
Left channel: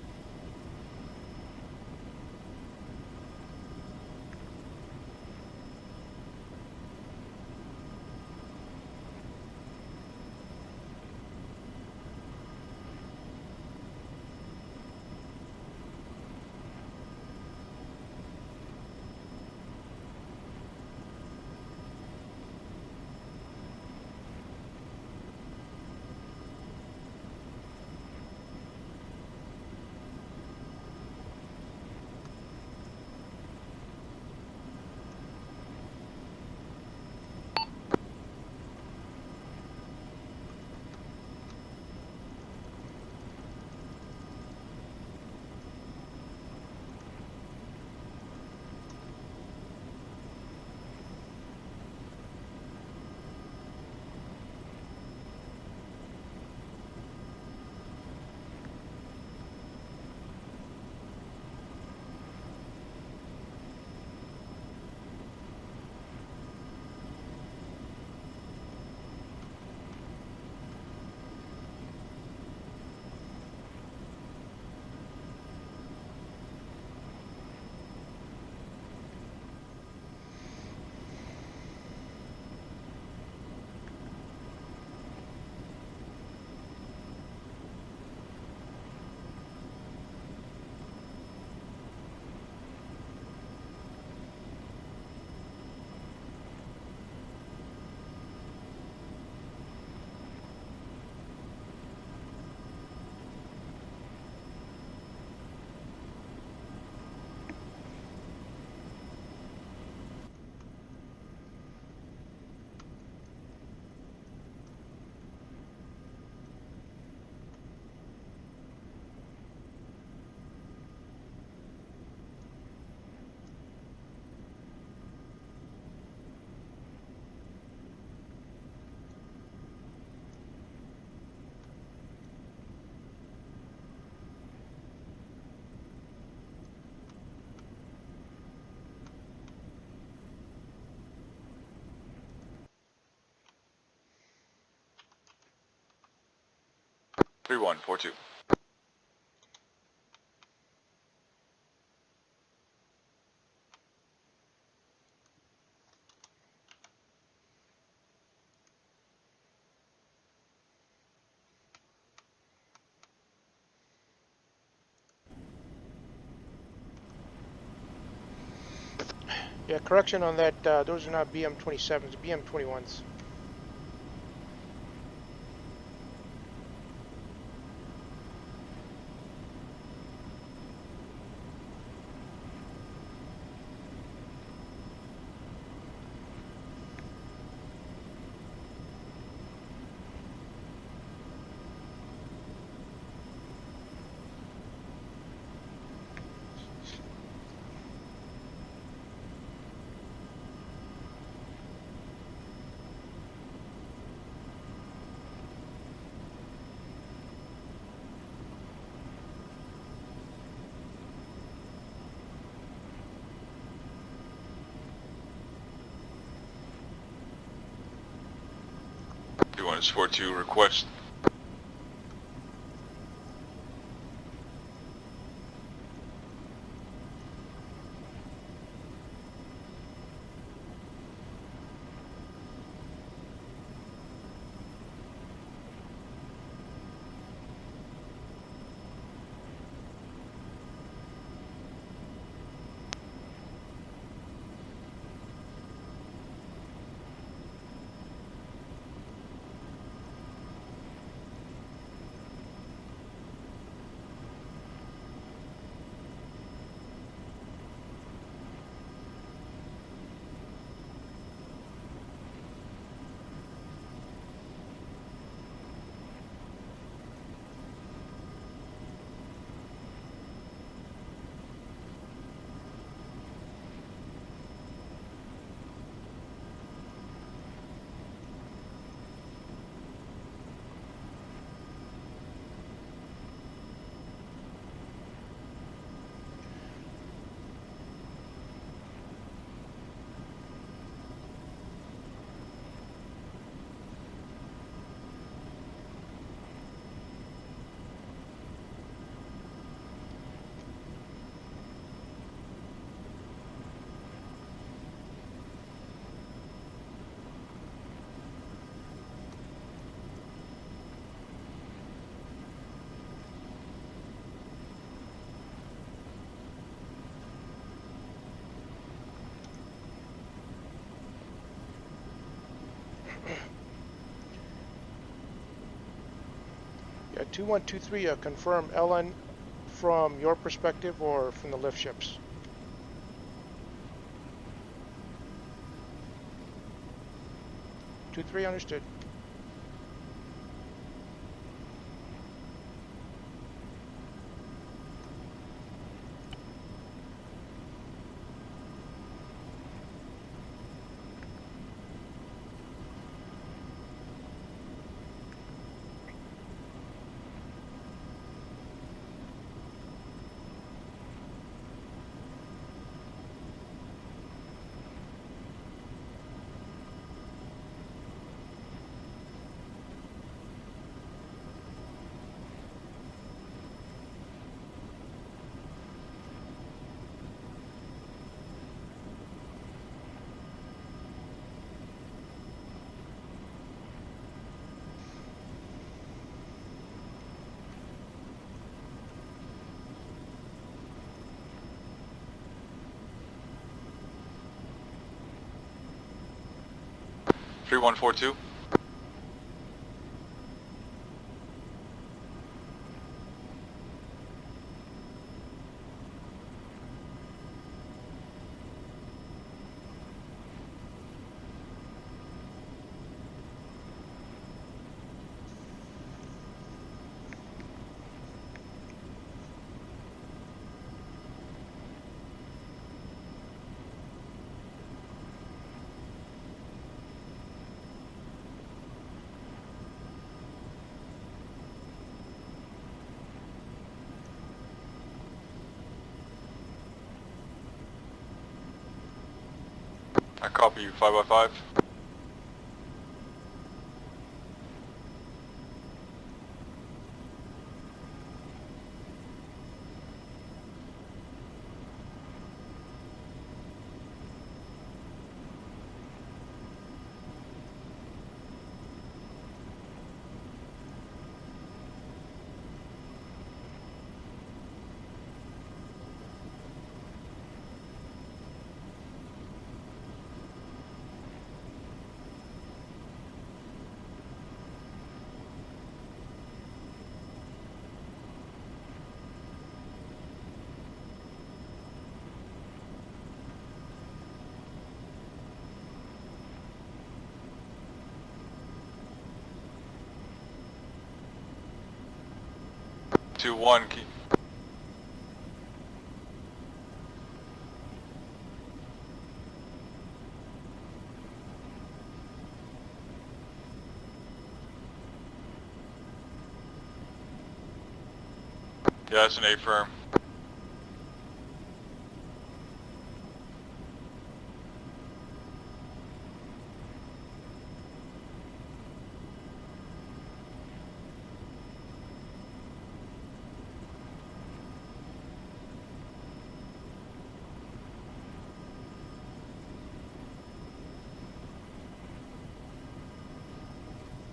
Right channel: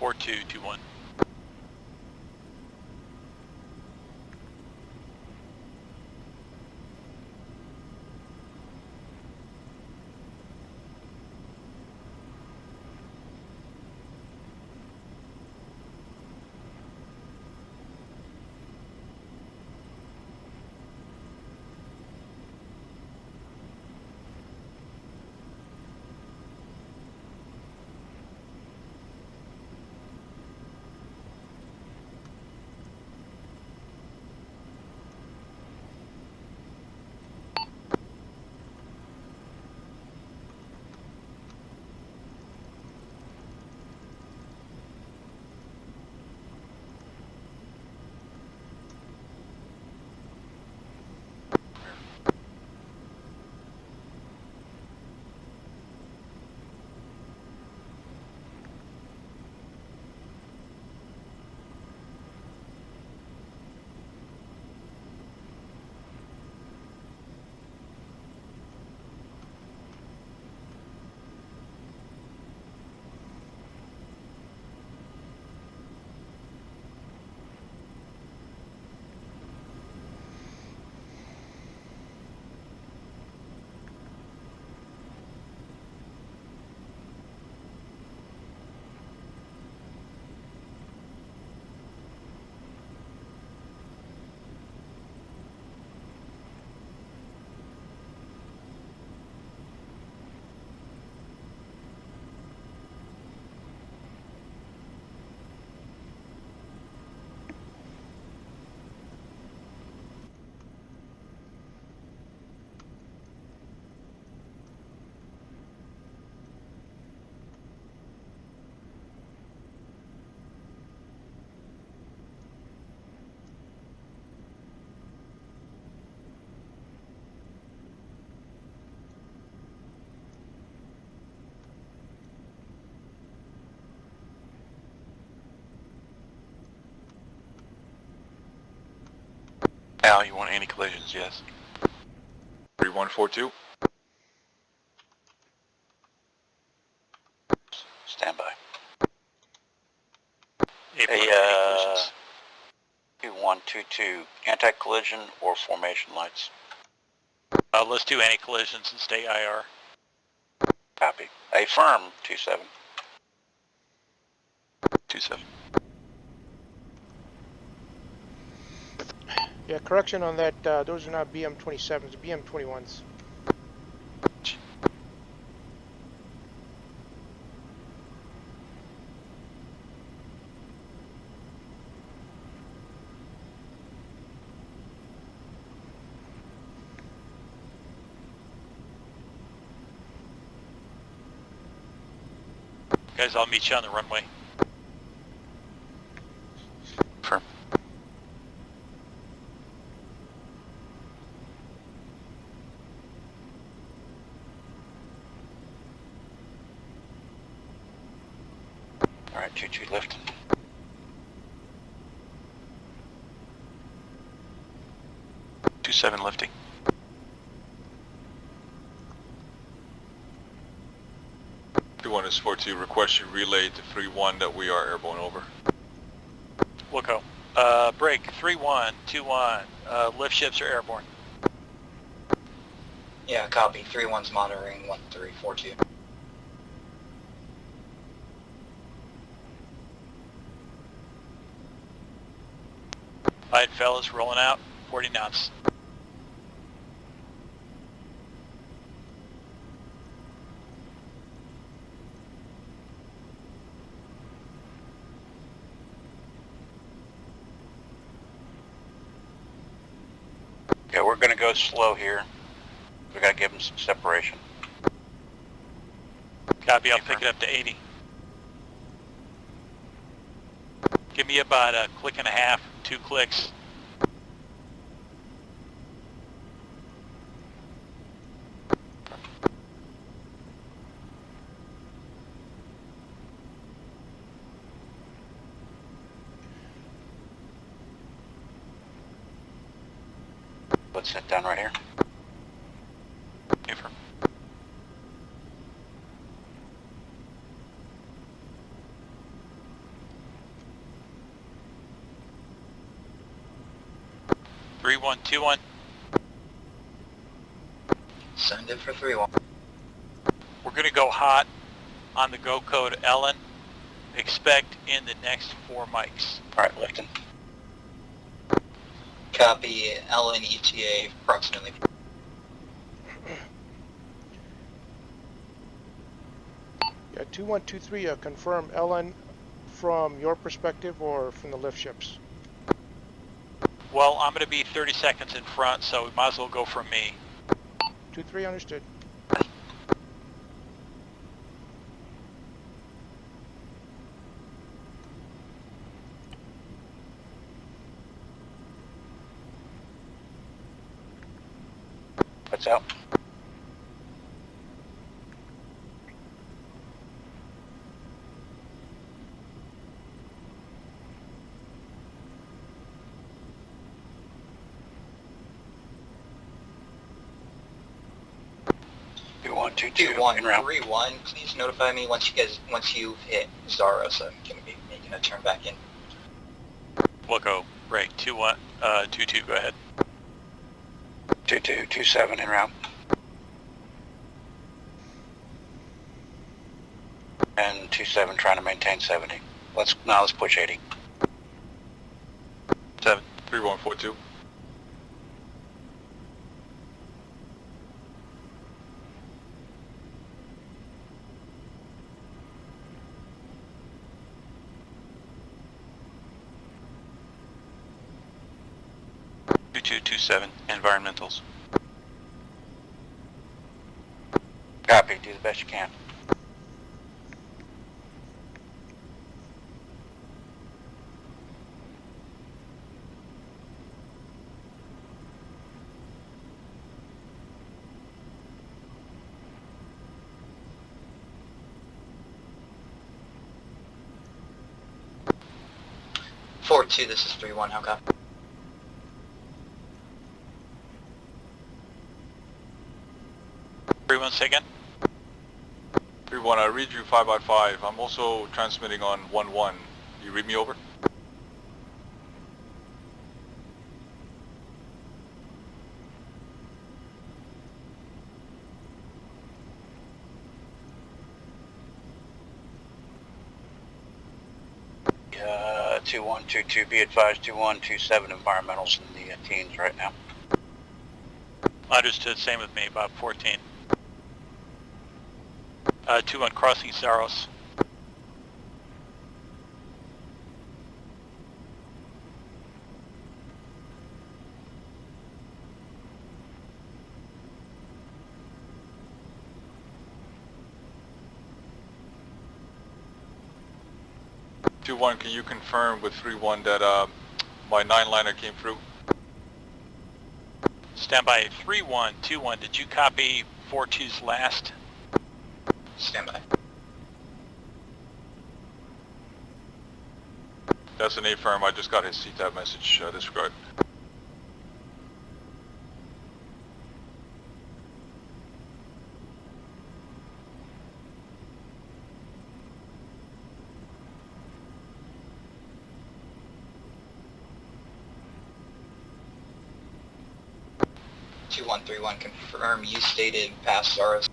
Four, 2-2-1. Al, you want anti-collisions? Yes. 3142. 3142. Stand by. Affirm, Hey, any collisions? 2122, anti-collision or formation lights? Let's do any collisions and stay IR. Copy. Affirm, 27. 27. Yeah, correction on that. Those are not BM-27s, BM-21s. Guys, I'll meet you on the runway. Confirm. All right, 22 lifting. Lifting. 21 is 42 request. 21 is 42 request you relay to 3-1 that we are airborne over. We'll go. Break 3-1, 2-1. Lift ships are airborne. Yeah, copy. 3-1's monitoring 1342. Alright, fellas, rolling out. 40 knots. Yeah, we're gonna go slow here. We gotta give them some separation. Copy, I'll pick it up to 80. Give me about a click and a half, 2 clicks. Let's sit down right here. Confirm. Three, 1, 2, 1. Send it for 3-1. We're going to go hot on the go code Ellen. Expect in the next 4 mics. All right, lifting. Copy. Ellen ETA approximately. Yeah, 2123, confirm LN from your perspective or from the lift ships? Well, I'm going to be 30 seconds in front, so we might as well go from me. 23, understood. What's out? You want 2-2 en route. 2131, please notify me once you hit Zara so I can be making a turn back in. We'll go. Break 2-1, 2-2, go ahead. 2-2, 2-7 en route. And 2-7 trying to maintain 70. Let's push 80. 7. 3142. 3142. Two, 7, environmentals. Copy, do the best you can. Forward 2, this is 3-1, how copy? I copy you 5x5. 3-1, say again. 3-1, I read you 5x5. I'm also transmitting on 1-1. You read me over? Uh, 2122, be advised 2127 environmentals in the teens right now. Understood, same with me, about 14. 2-1, crossing Saros. 2-1, can you confirm with 3-1 that my 9-liner came through? Standby 3-1-2-1. Did you copy 4-2's last? Standby. Yeah, that's an A-firm. That's an A-firm. I just got his CTAB message. Disregard. Confirm you stated past SOARs.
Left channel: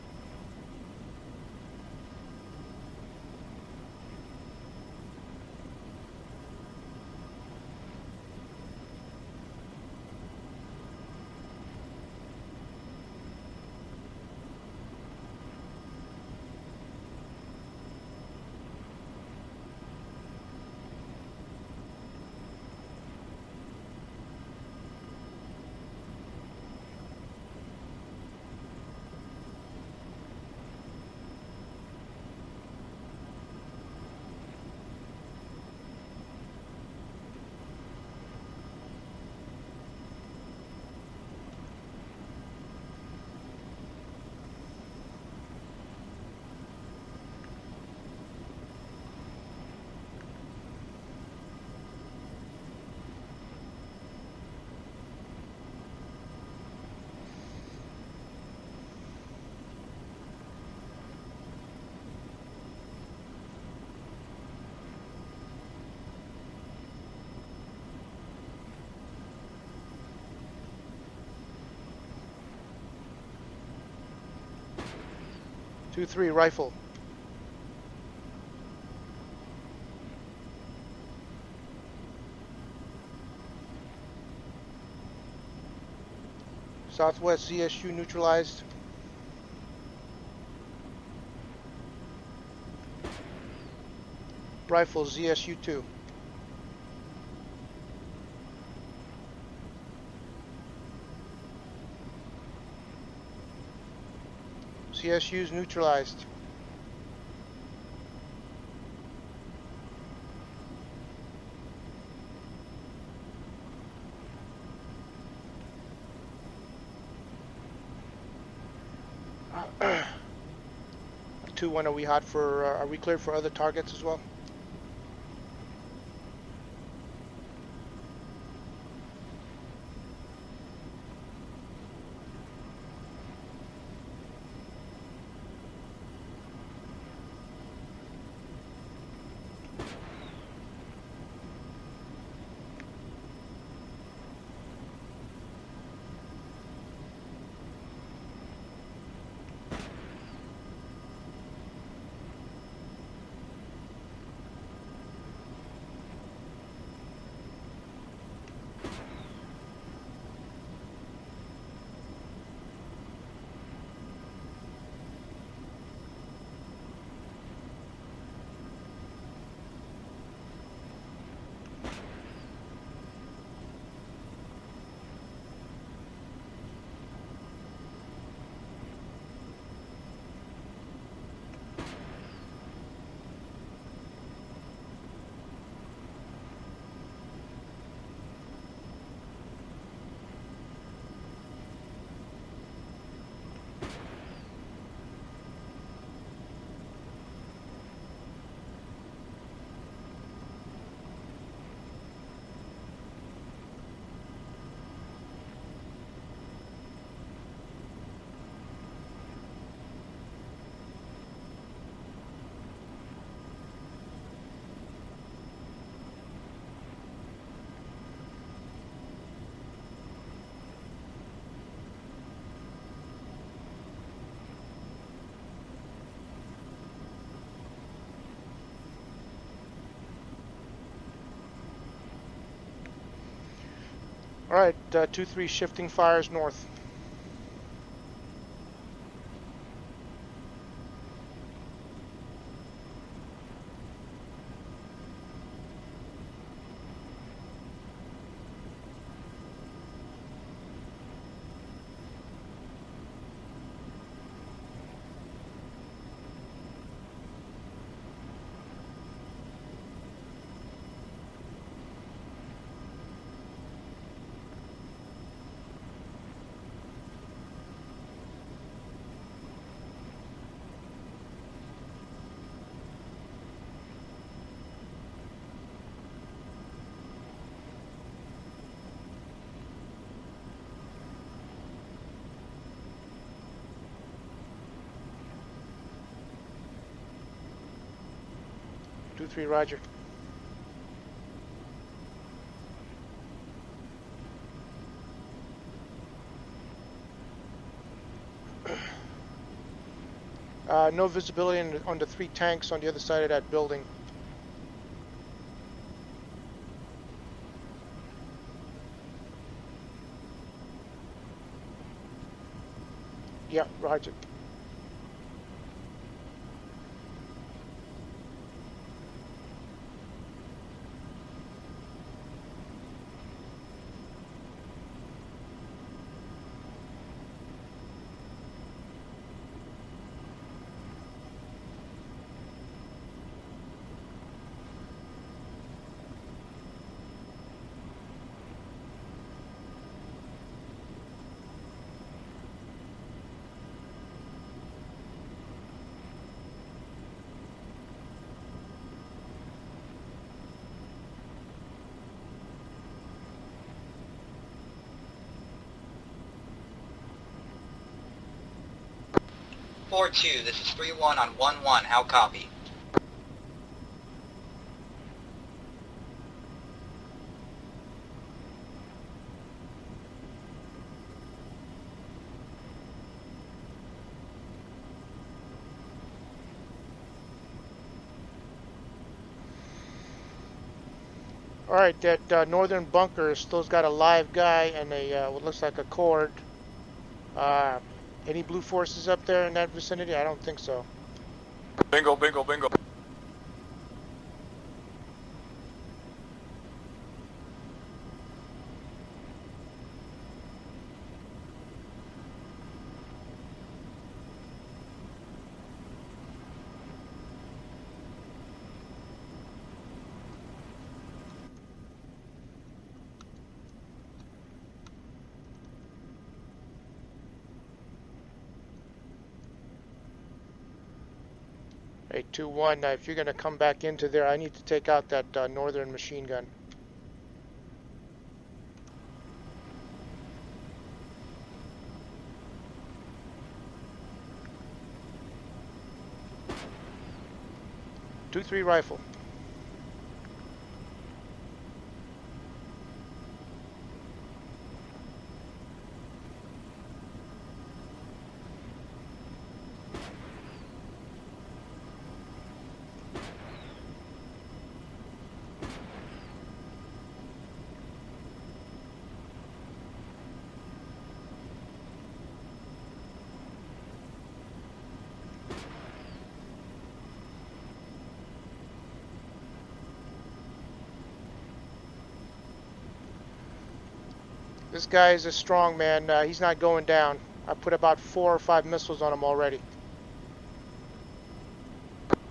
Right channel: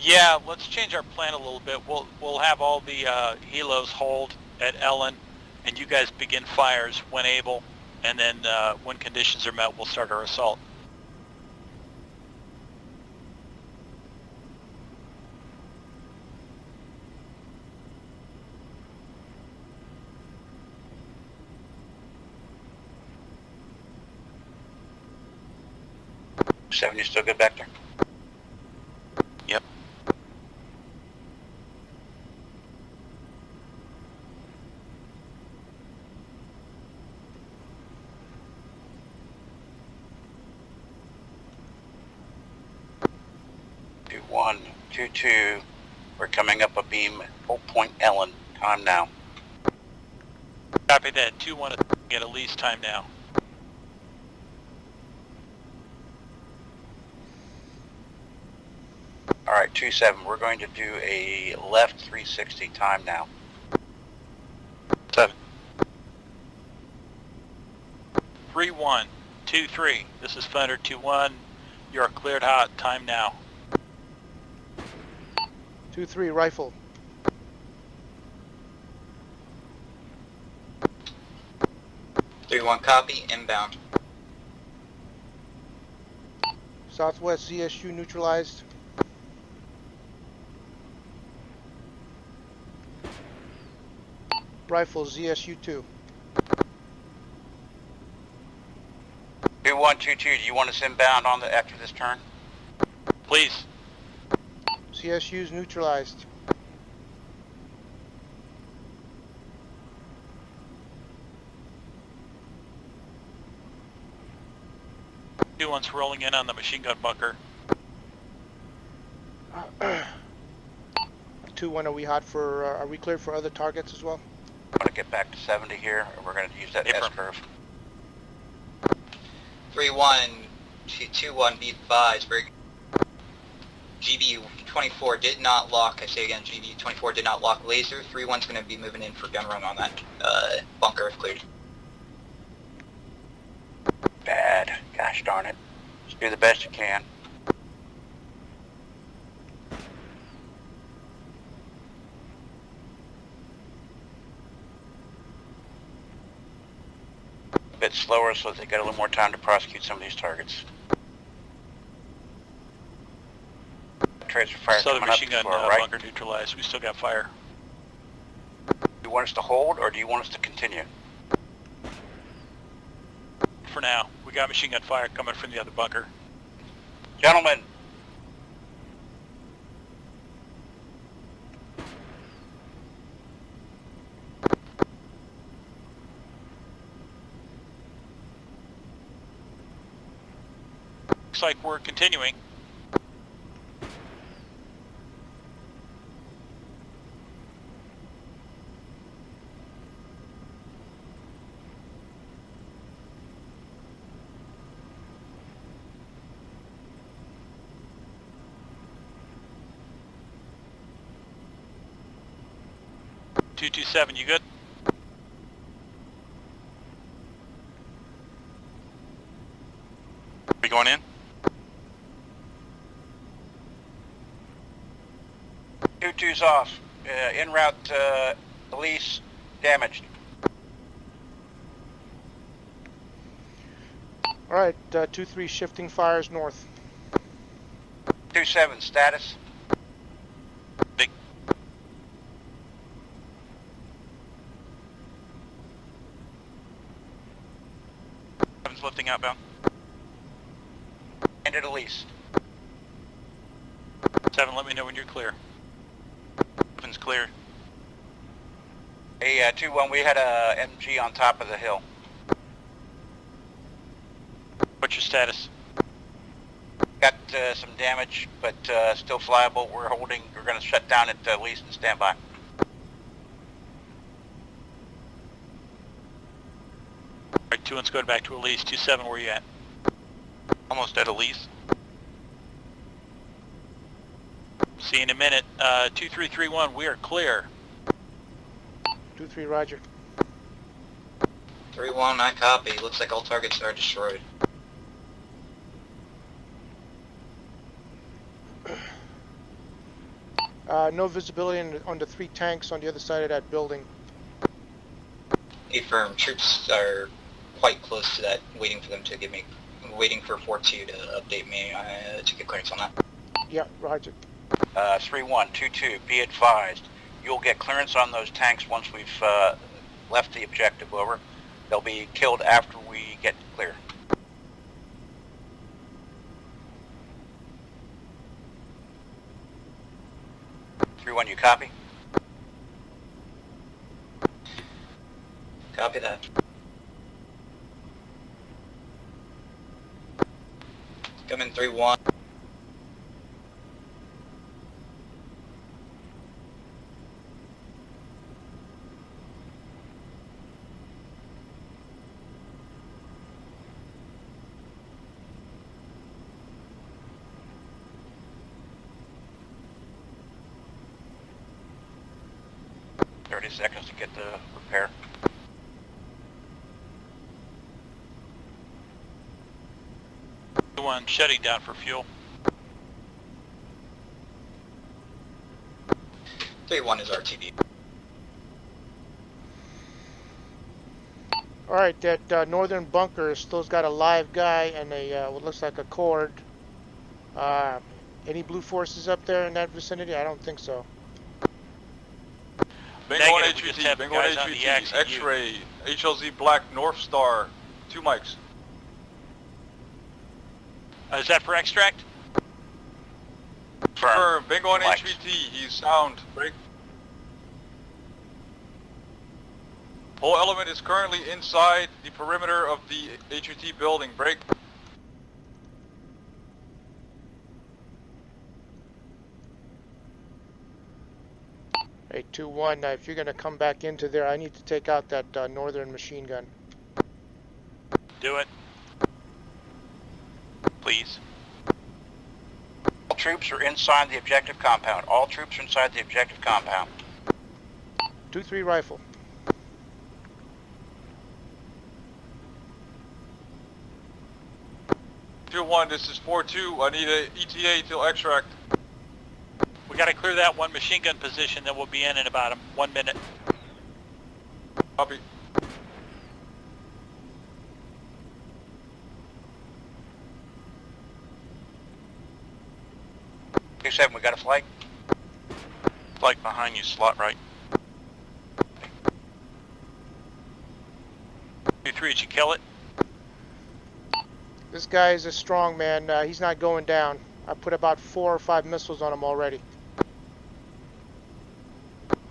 Yeah, let's change our plan a little bit. We'll have all the helos hold at Ellen, and you guys begin fires when able, and then when conditions are met, we'll start our assault. Seven, you still good back there? Yep. Two one, 2-2. We're coming up a beam at Old Point Ellen. Time now. Copy that. 2-1 at Elise. Time now. All right, 2-7. We're going to do a left 360. Time now. 7. 3-1, 2-3. This is Thunder 2-1. You are cleared hot. Time now. 2-3 rifle. Copy, inbound. Southwest ZSU neutralized. Rifle ZSU 2. 2-1, 2-2. Do you want us inbound on the after this turn? Please. CSU's neutralized. Two ones rolling in on the machine gun bunker. 2-1, are we hot for, are we cleared for other targets as well? I'm going to get back to 70 here, and we're going to use that S-curve. 3-1 to 2-1, be advised. GBU-24 did not lock. I say again, GBU-24 did not lock laser. 3-1's going to be moving in for gun run on that bunker if cleared. Bad. Gosh darn it. Just do the best you can. A bit slower so they got a little more time to prosecute some of these targets. Transfer fire Southern coming up machine gun to our right. bunker neutralized. We still got fire. Do you want us to hold or do you want us to continue? For now, we got machine gun fire coming from the other bunker. Gentlemen, Looks like we're continuing. Seven, you good? We going in? 2-2's off. En route, Elise damaged. All right, 2-3 shifting fires north. 2-7 status. Big. Seven's lifting outbound. And at Elise. 7, let me know when you're clear. Seven's clear. Hey, 2-1, we had a MG on top of the hill. What's your status? Got some damage, but still flyable. We're going to shut down at least and stand by. Alright, 2-1's going back to Elise. 2-7, where you at? Almost at Elise. See you in a minute. 2331, we are clear. 2-3, roger. 3-1, I copy. Looks like all targets are destroyed. No visibility on the 3 tanks on the other side of that building. Affirm. Troops are quite close to that, waiting for them to give me, waiting for 4-2 to update me to get clearance on that. Yeah, roger. 3-1, 2-2, be advised. You'll get clearance on those tanks once we've left the objective, over. They'll be killed after we get clear. Everyone, you copy? Copy that. Come in 3-1. This is 3-1 on 1-1. How copy? 30 seconds to get the repair. 2-1, shutting down for fuel. 3-1 is RTD. Alright, that northern bunker still's got a live guy and a what looks like a cord. Any blue forces up there in that vicinity? I don't think so. Bingo, bingo, bingo. Bingo on Negative, we just HVT, have bingo on guys on the HVT, ICU. X-ray, HLZ Black, North Star, 2 mics. Is that for extract? Firm, bingo on Mics. HVT, he's sound, break. Whole element is currently inside the perimeter of the HVT building, break. Hey, 2-1, if you're gonna come back into there, I need to take out that northern machine gun. Do it. Please. All troops are inside the objective compound. All troops are inside the objective compound. 2-3 rifle. Tier 1, this is 4-2, I need a ETA till extract. We gotta clear that one machine gun position, then we'll be in about 1 minute. Copy. Two 7, we got a flight. Flight behind you, slot right. 2-3, did you kill it? This guy is a strong man. He's not going down. I put about 4 or 5 missiles on him already.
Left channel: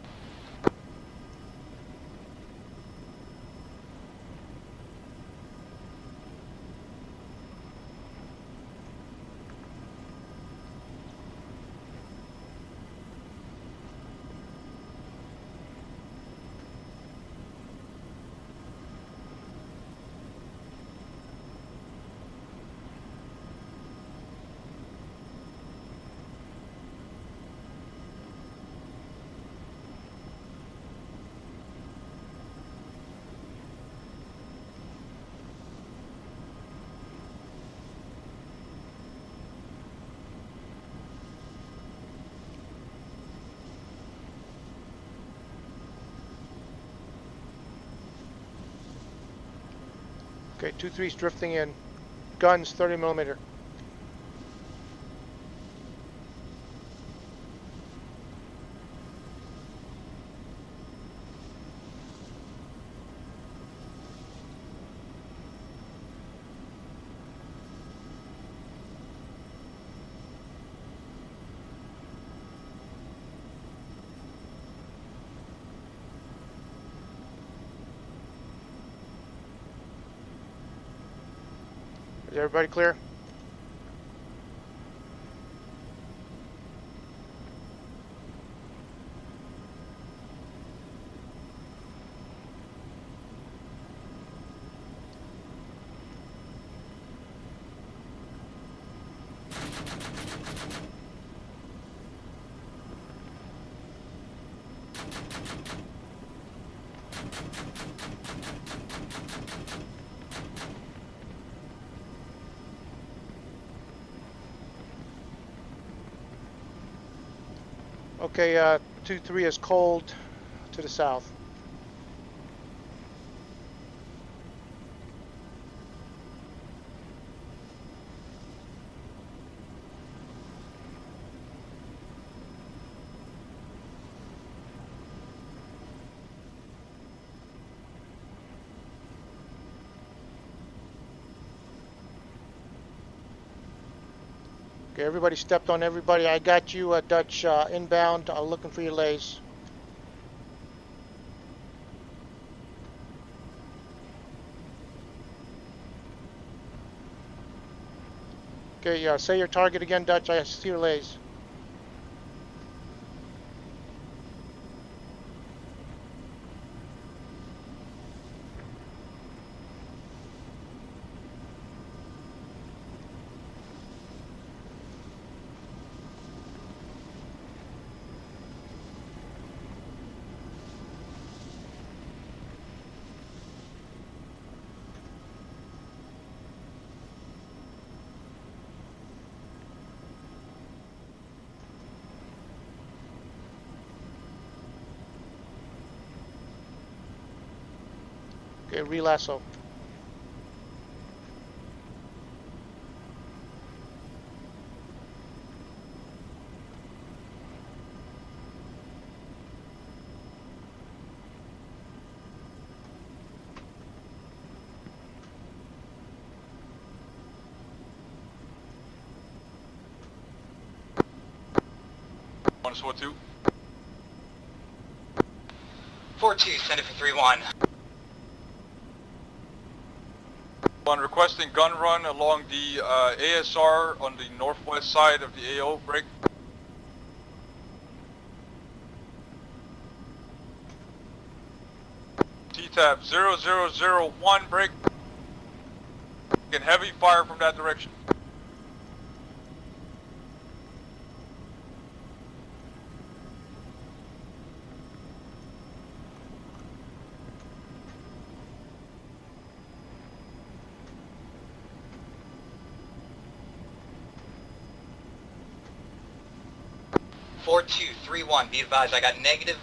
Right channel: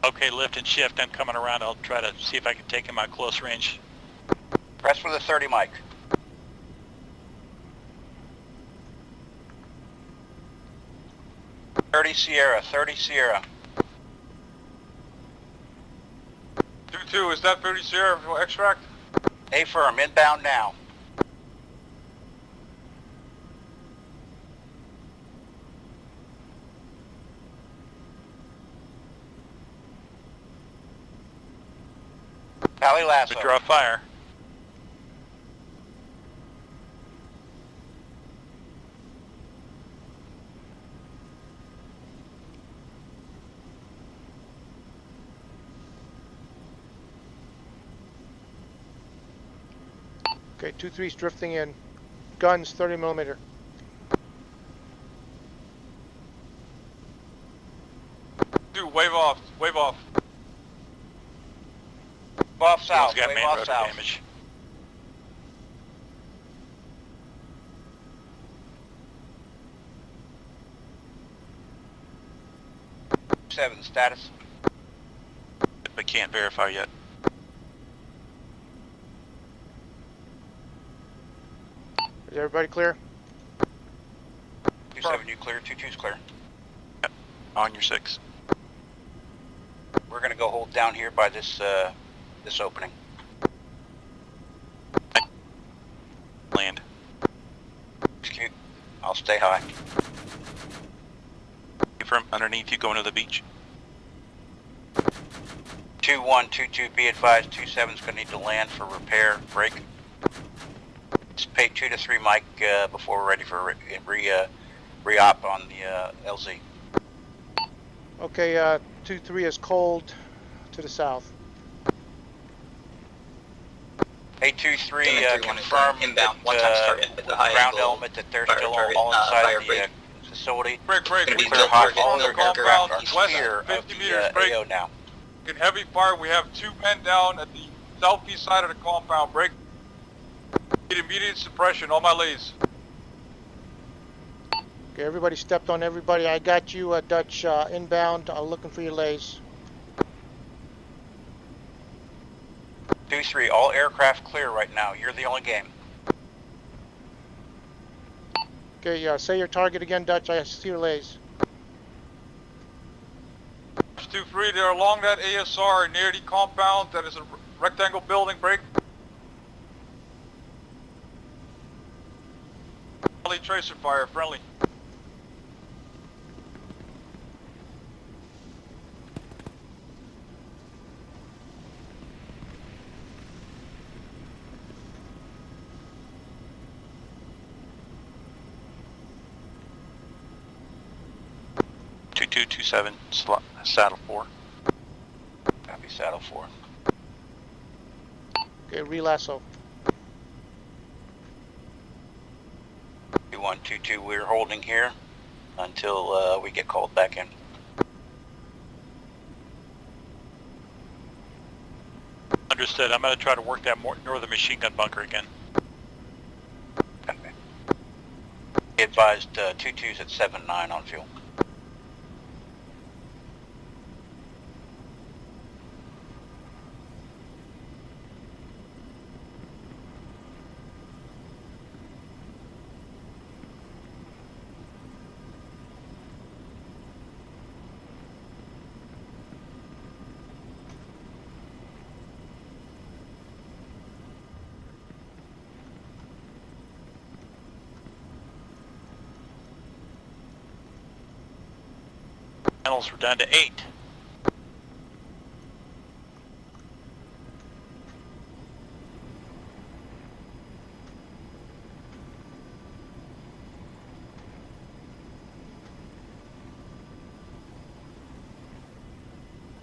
Okay, lift and shift. I'm coming around. I'll try to see if I can take him out close range. Press for the 30 mic. "30 Sierra, 30 Sierra." 2-2, is that 30 Sierra for extract? A firm, inbound now. Pally Lasso. Withdraw fire. Okay, 2-3's drifting in. Guns, 30 millimeter. Wave off, wave off. Off south, One's got wave main off rotor south. damage. Seven, status. Can't verify yet. Is everybody clear? 27, you clear, 22's clear. On your 6. We're gonna go hold down here by this, this opening. Land. Execute. I'll stay high. From underneath you going to the beach. 2122, be advised, 27's gonna need to land for repair, break. Just pay 2 to 3 Mike, before we're ready for re-op on the, LZ. Okay, 2-3 is cold to the south. 823, Diamond 3-1 is confirm inbound, that, one-time target with the high ground angle element that they're fire still target, all inside fire the, break. facility. Break. Gonna We be Clear built hot, target, all no their aircraft aircraft are west clear of of 50 the, meters, break. AO now. In heavy fire, we have 2 men down at the southeast side of the compound. Break. Need immediate suppression. All my lays. Okay, everybody stepped on everybody. I got you, Dutch, inbound. Looking for your lays. 2-3, all aircraft clear right now. You're the only game. Okay, say your target again, Dutch. I see your lays. 2-3, they're along that ASR near the compound. That is a rectangle building. Break. Friendly tracer fire. Friendly. Two 27 saddle 4. Copy, saddle 4. Okay, relasso. 2122, we're holding here until we get called back in. Understood. I'm going to try to work that northern machine gun bunker again. Okay. Be advised, 22's at 7-9 on fuel. 1-2. 4-2, send it for 3-1. On requesting gun run along the ASR on the northwest side of the AO. Break. T-tab 0001. Break. Get heavy fire from that direction. Panels were down to 8. Two, 3-1, be advised, I got negative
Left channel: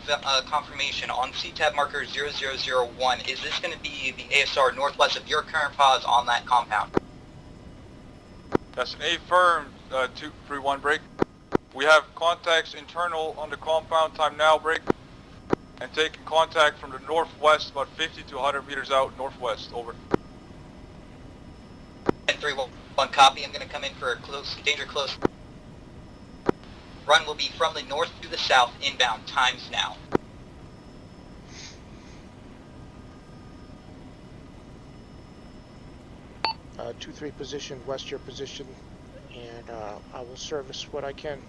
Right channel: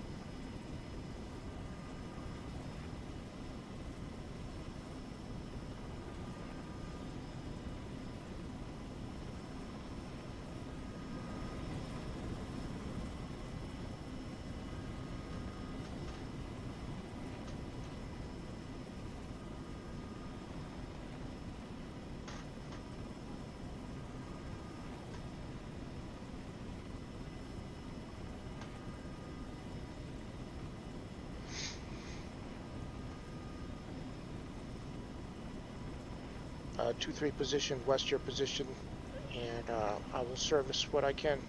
confirmation on CTAB marker 0001. Is this going to be the ASR northwest of your current pause on that compound? That's an A firm, 231 break. We have contacts internal on the compound. Time now. Break. And taking contact from the northwest, about 50 to 100 meters out northwest. Over. 3-1, copy. I'm going to come in for a close, danger close. Run will be from the north to the south, inbound, times now. 2-3 position, west your position, and I will service what I can.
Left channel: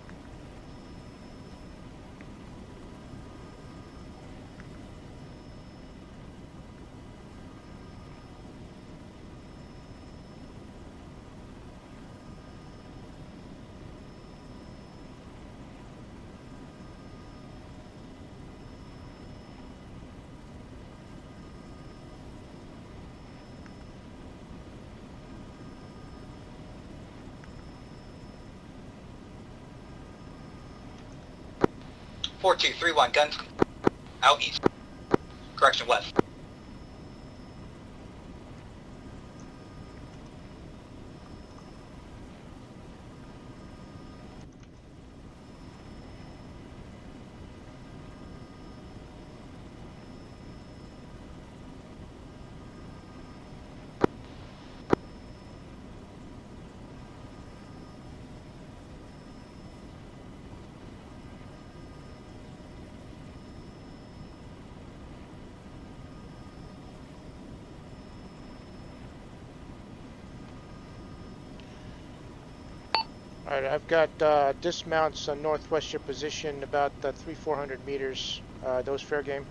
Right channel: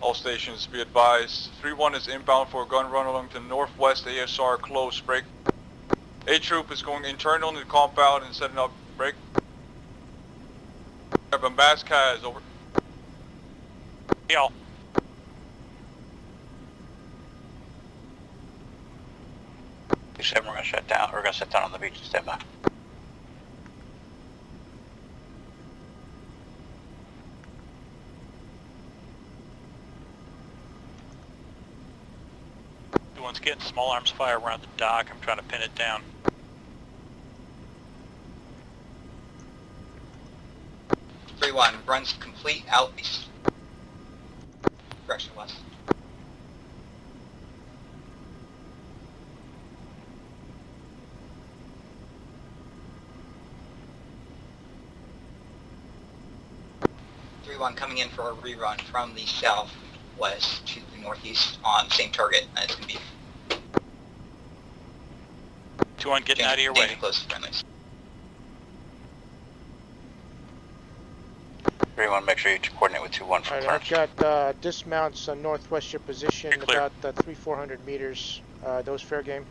All stations be advised. 3-1 is inbound for a gun run along the northwest ASR close. Break. A troop is going internal in the compound and setting up. Break. Have a mass CAS. Over. Y'all. We're gonna shut down. We're gonna sit down on the beach and stand by. Four, 2, 3-1, guns. Let's get small arms fire Out around east. the dock. I'm trying to pin it Correction down. west. 3-1, runs complete, out east. Correction west. Coming in for a rerun from the southwest to the northeast on same target. It's going to be 2-1 getting out of your way. danger close to friendlies. 3-1, make sure you coordinate with 2-1 for All right, I've got dismounts northwest your position, You're clear. about 300-400 meters. Those fair game.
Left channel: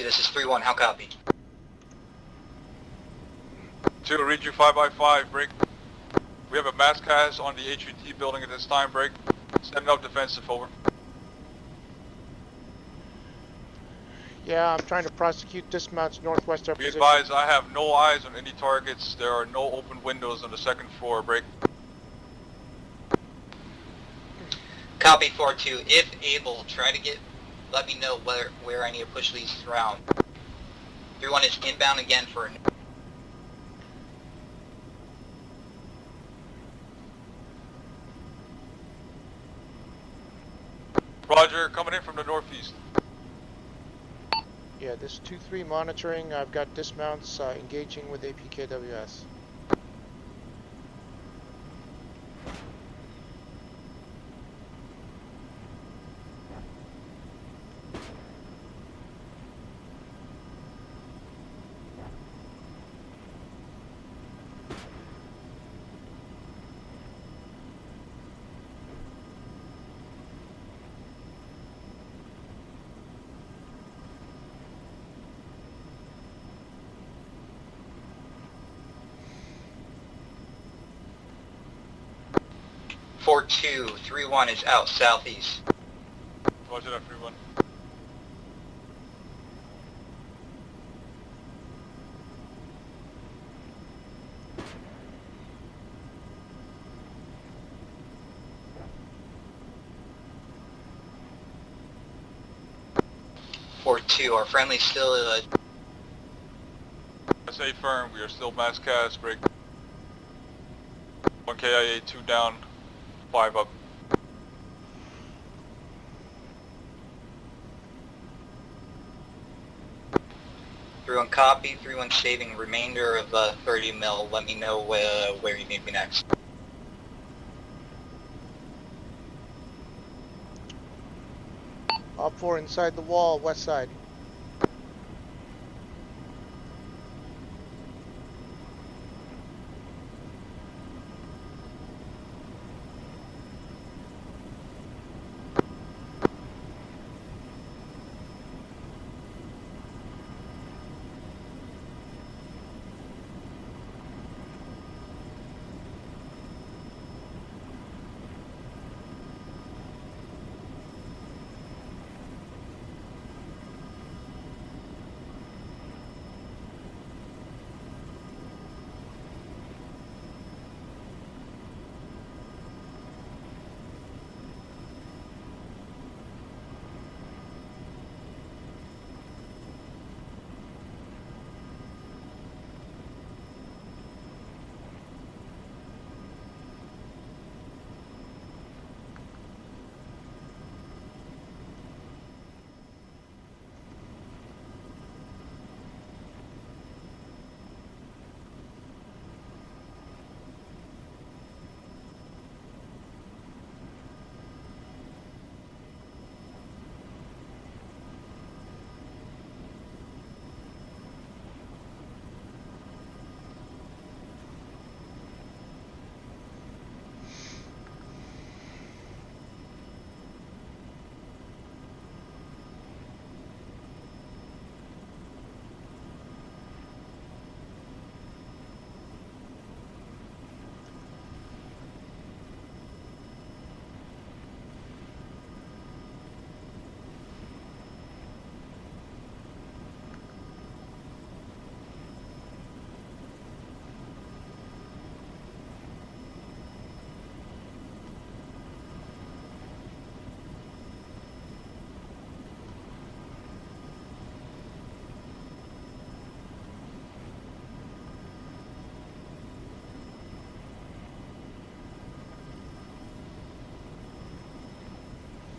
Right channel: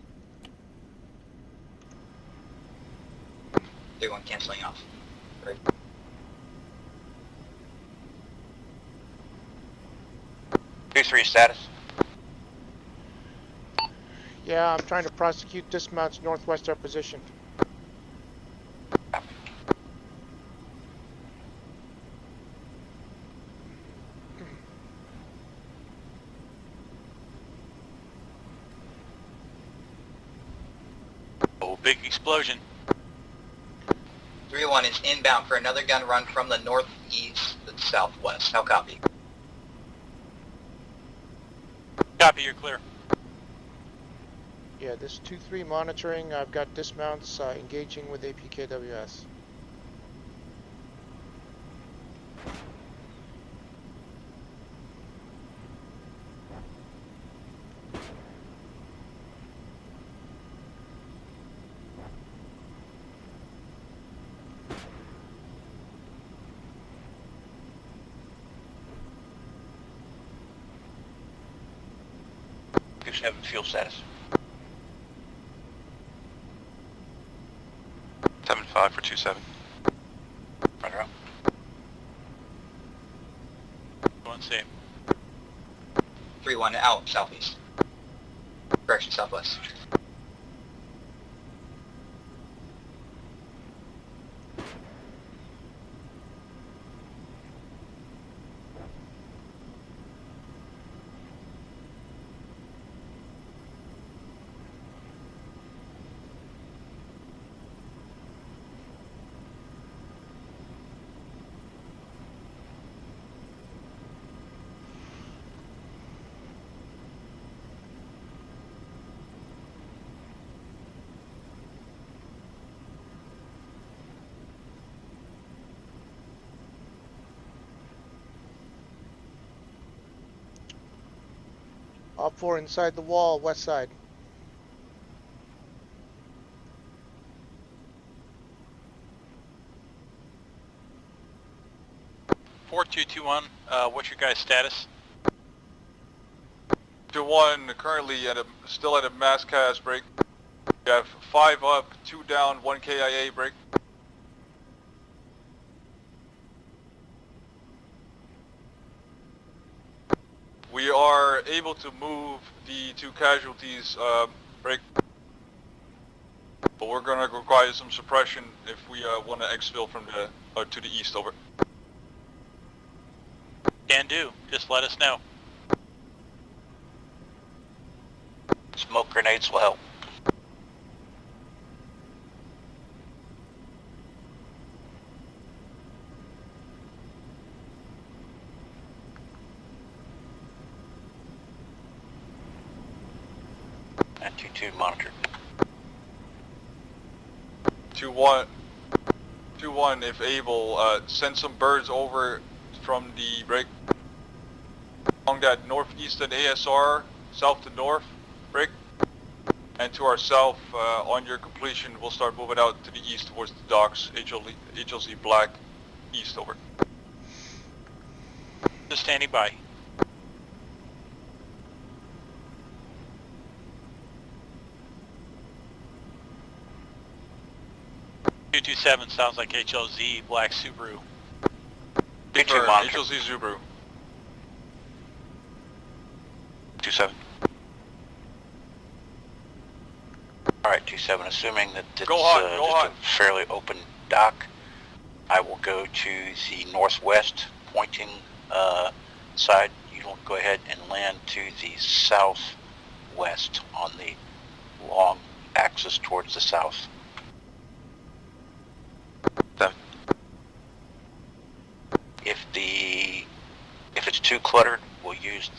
This is 3-1, how copy? 2 to reach you 5x5, break. We have a mass cast on the HVT building at this time, break. Setting up defensive, over. 2-3 status. Yeah, I'm trying to prosecute dismounts northwest our Be position. advised, I have no eyes on any targets. There are no open windows on the second floor, break. Copy 4-2, if able, try to let me know where I need to push these around. 3-1 is inbound Big again. explosion. 3-1 is inbound for another gun run from the northeast to the southwest. How copy? Roger, coming in from the Copy, you're northeast. clear. Yeah, this 2-3 monitoring. I've got dismounts engaging with APKWS. Have fuel status. 7-5 for 2-7. Roger out. 4-2, 3-1 is out southeast. 3-1 out southeast. Correction, southwest. Our friendly still SA firm, we are still mass cast, break. 1 KIA, 2 down, 5 up. on copy, 3-1 saving remainder of 30 mil. Let me know where you need me next. Op 4 inside the wall, west side. What's your guys' status? 2-1, currently still at a mass cast break. We have 5 up, 2 down, 1 KIA break. We are able to move the 2 casualties break, but we're going to require some suppression if we want to exfil from the to the east. Over. Can do. Just let us know. Smoke grenades will help. And 2-2 monitor. 2-1, if able, send some birds over from the break along that northeastern ASR, south to north break, and to our south. On your completion, we'll start moving out to the east towards the docks. HLZ black east. Over. Just standing by. .227 sounds like HLZ black Subaru. 2-2 monitor. HLZ Subaru. 2-7. Alright, 2-7, assuming that it's Go hot, go just hot. a fairly open dock, I will go to the northwest pointing side. You will go ahead and land to the southwest on the long axis towards the south. 7. If it's too cluttered, we'll use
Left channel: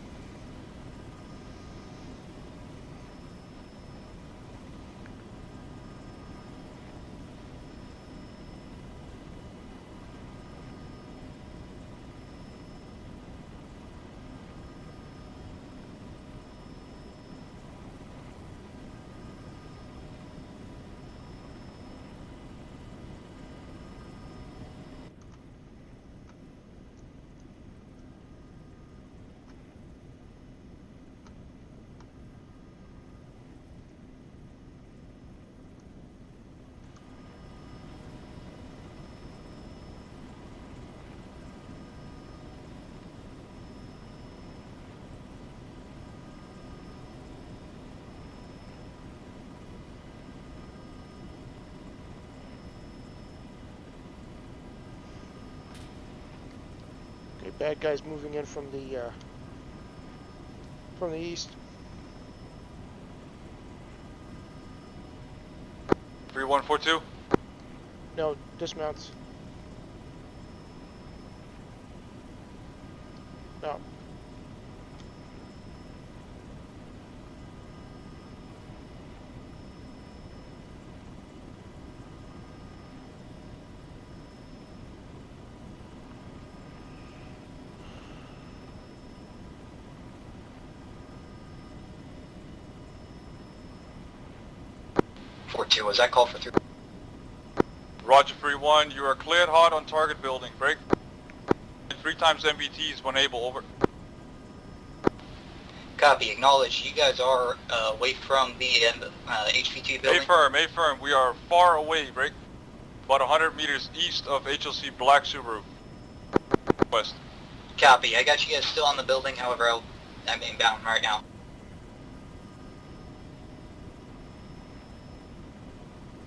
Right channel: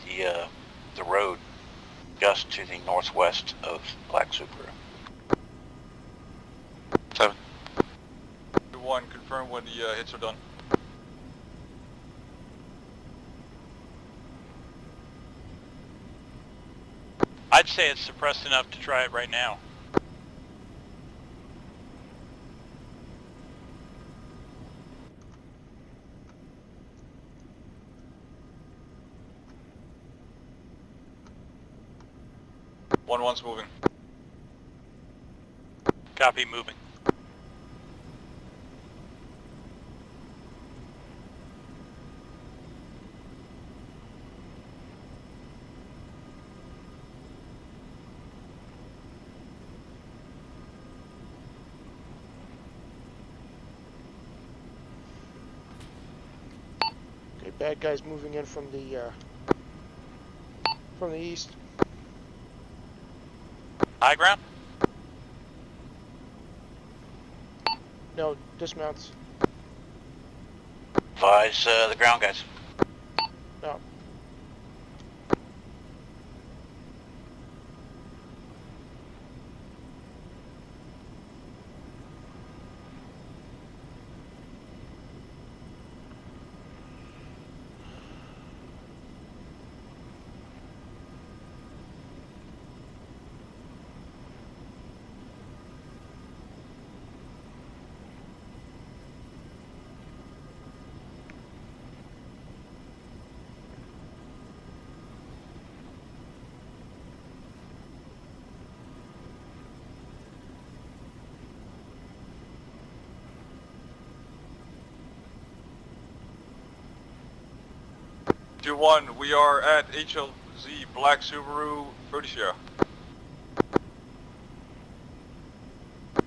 the road just to the northwest of Black Subaru. 7. 1, confirm when the hits are done. I'd say it's suppressed enough to try it right now. One's moving. Copy, moving. Okay, bad guys moving in from the east. High ground? 3142. No, dismounts. Advise the ground guys. No. Was that call for 3? Roger 3-1, you are cleared hot on target building. Break. 3 times MBTs when able, over. Copy, acknowledge. You guys are away from the HV2 building? A-firm, we are far away, break. About 100 meters east of HLC Black Subaru. West. Copy, I got you guys still on the 2-1, building. we are over. at HLC I'm inbound right Black now. Subaru, British Sierra.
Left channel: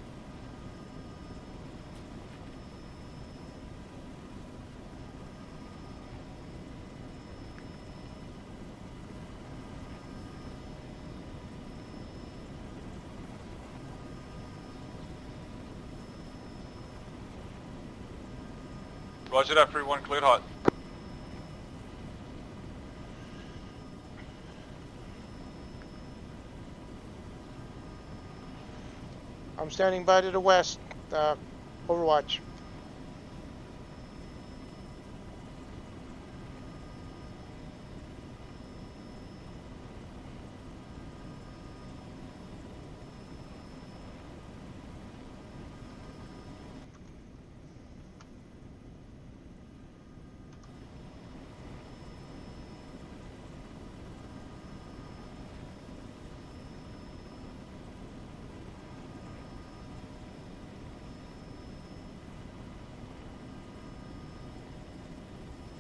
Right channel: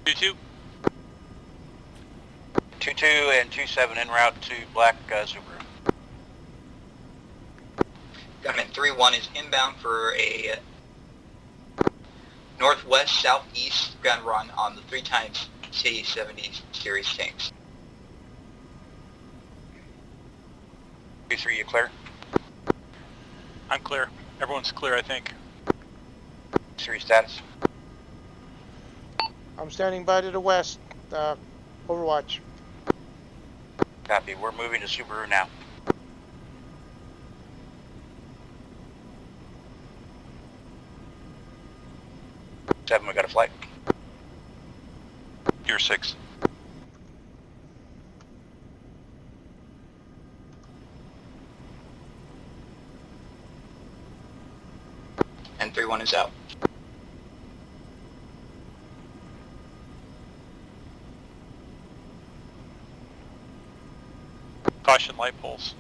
2-2. 2-2 and 2-7 en route to Black Subaru. Gunman 3-1 is inbound for a northwest southeast gun run on the 3 times T-70 series tanks. Roger that, 3-1, cleared hot. 2-3, you clear? I'm clear. Everyone's clear, I think. 3 status. I'm standing by to the west. Overwatch. Copy. We're moving to Subaru now. 7, we got a flight. You're 6. And 3-1 is out. Caution light poles.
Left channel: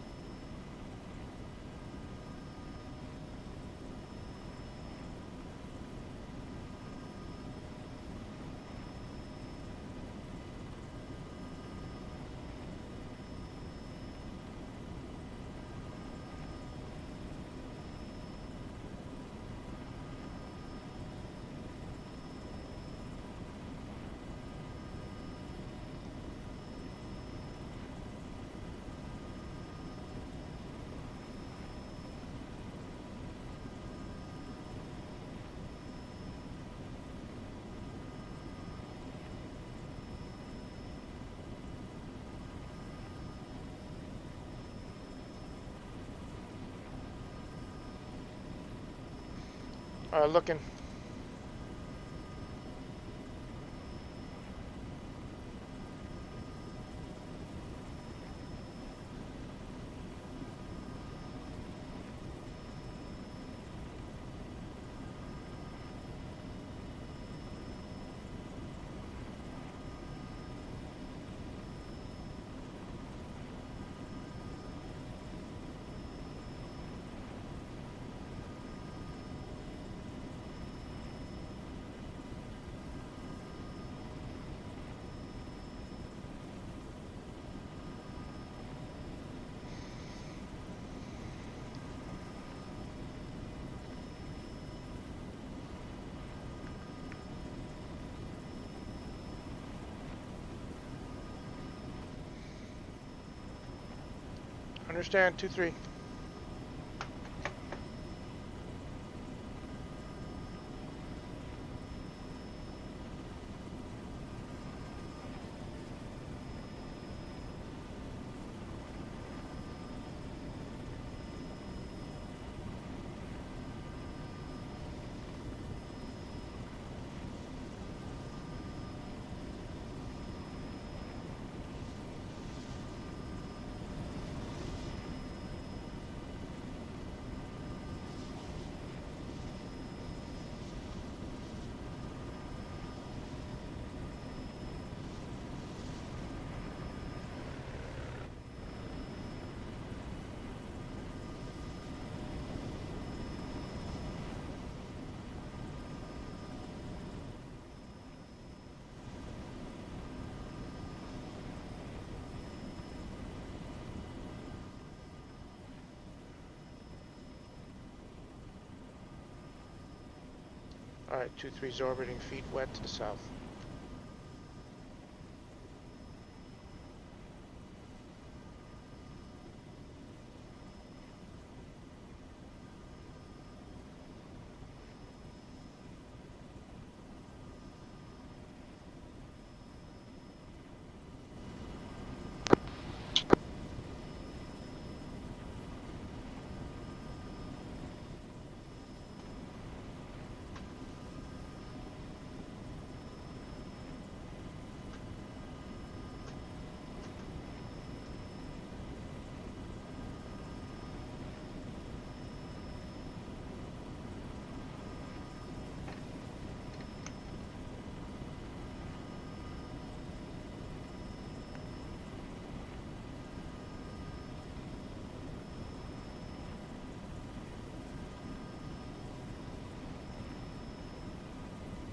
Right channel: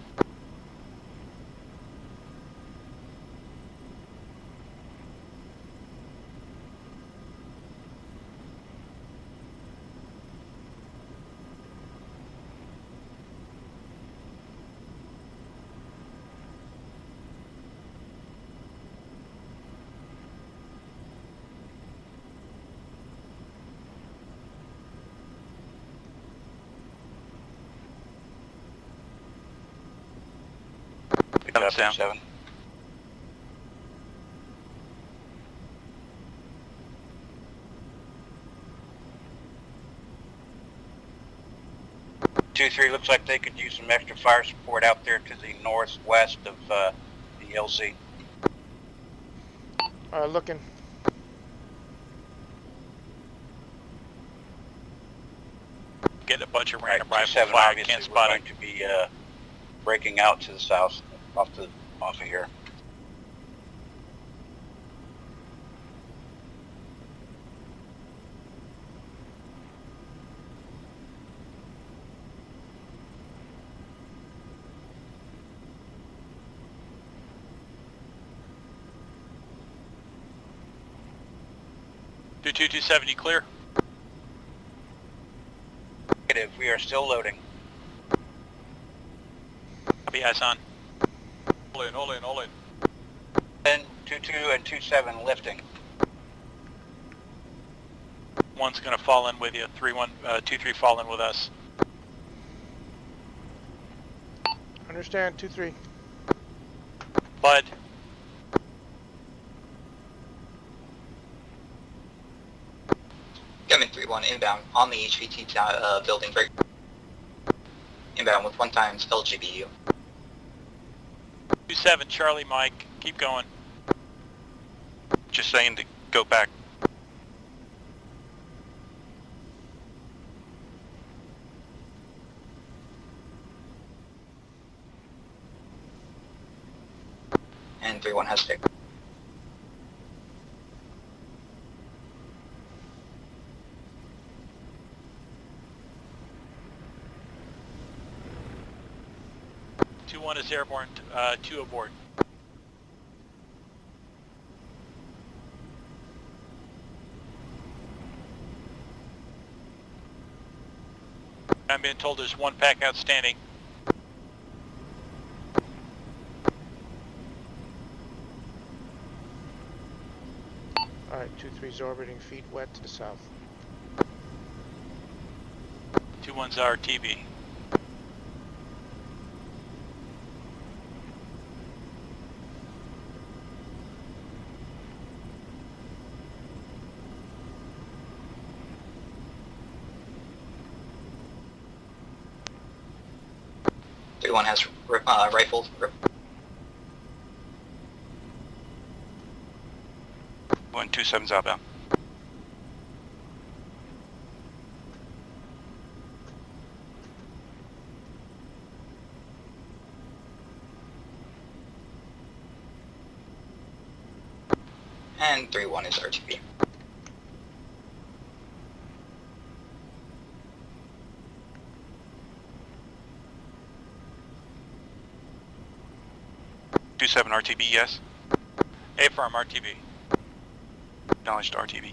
Copy, down. 7. Two, 3 looks like they could use some extra fire support out there to the northwest of the LZ. Looking. Getting a bunch of Right, random rifle 2-7 fire. obviously Can't we're spot going it. to be breaking out to the south off of here. Two 270 clear. Negative, we are still loading. Copy, eyes on. All in. 10, 2-2 and 2-7 lifting. 1's going to fall in with you. 2-3 fall in with us. Understand, 2-3. Bud, Coming 3-1 inbound on the HVT building break. Inbound with 1 times LGBU. 2-7 Charlie Mike, keep going. Just saying to go back. And 3-1 has picked. One is airborne, 2 aboard. I'm being told there's 1 pack outstanding. Alright, 2-3's orbiting feet wet to the south. 2-1's RTB. One has rifle. 127's outbound. And 3-1 is RTB. Seven RTB, yes. A-firm, RTB. Acknowledged RTB.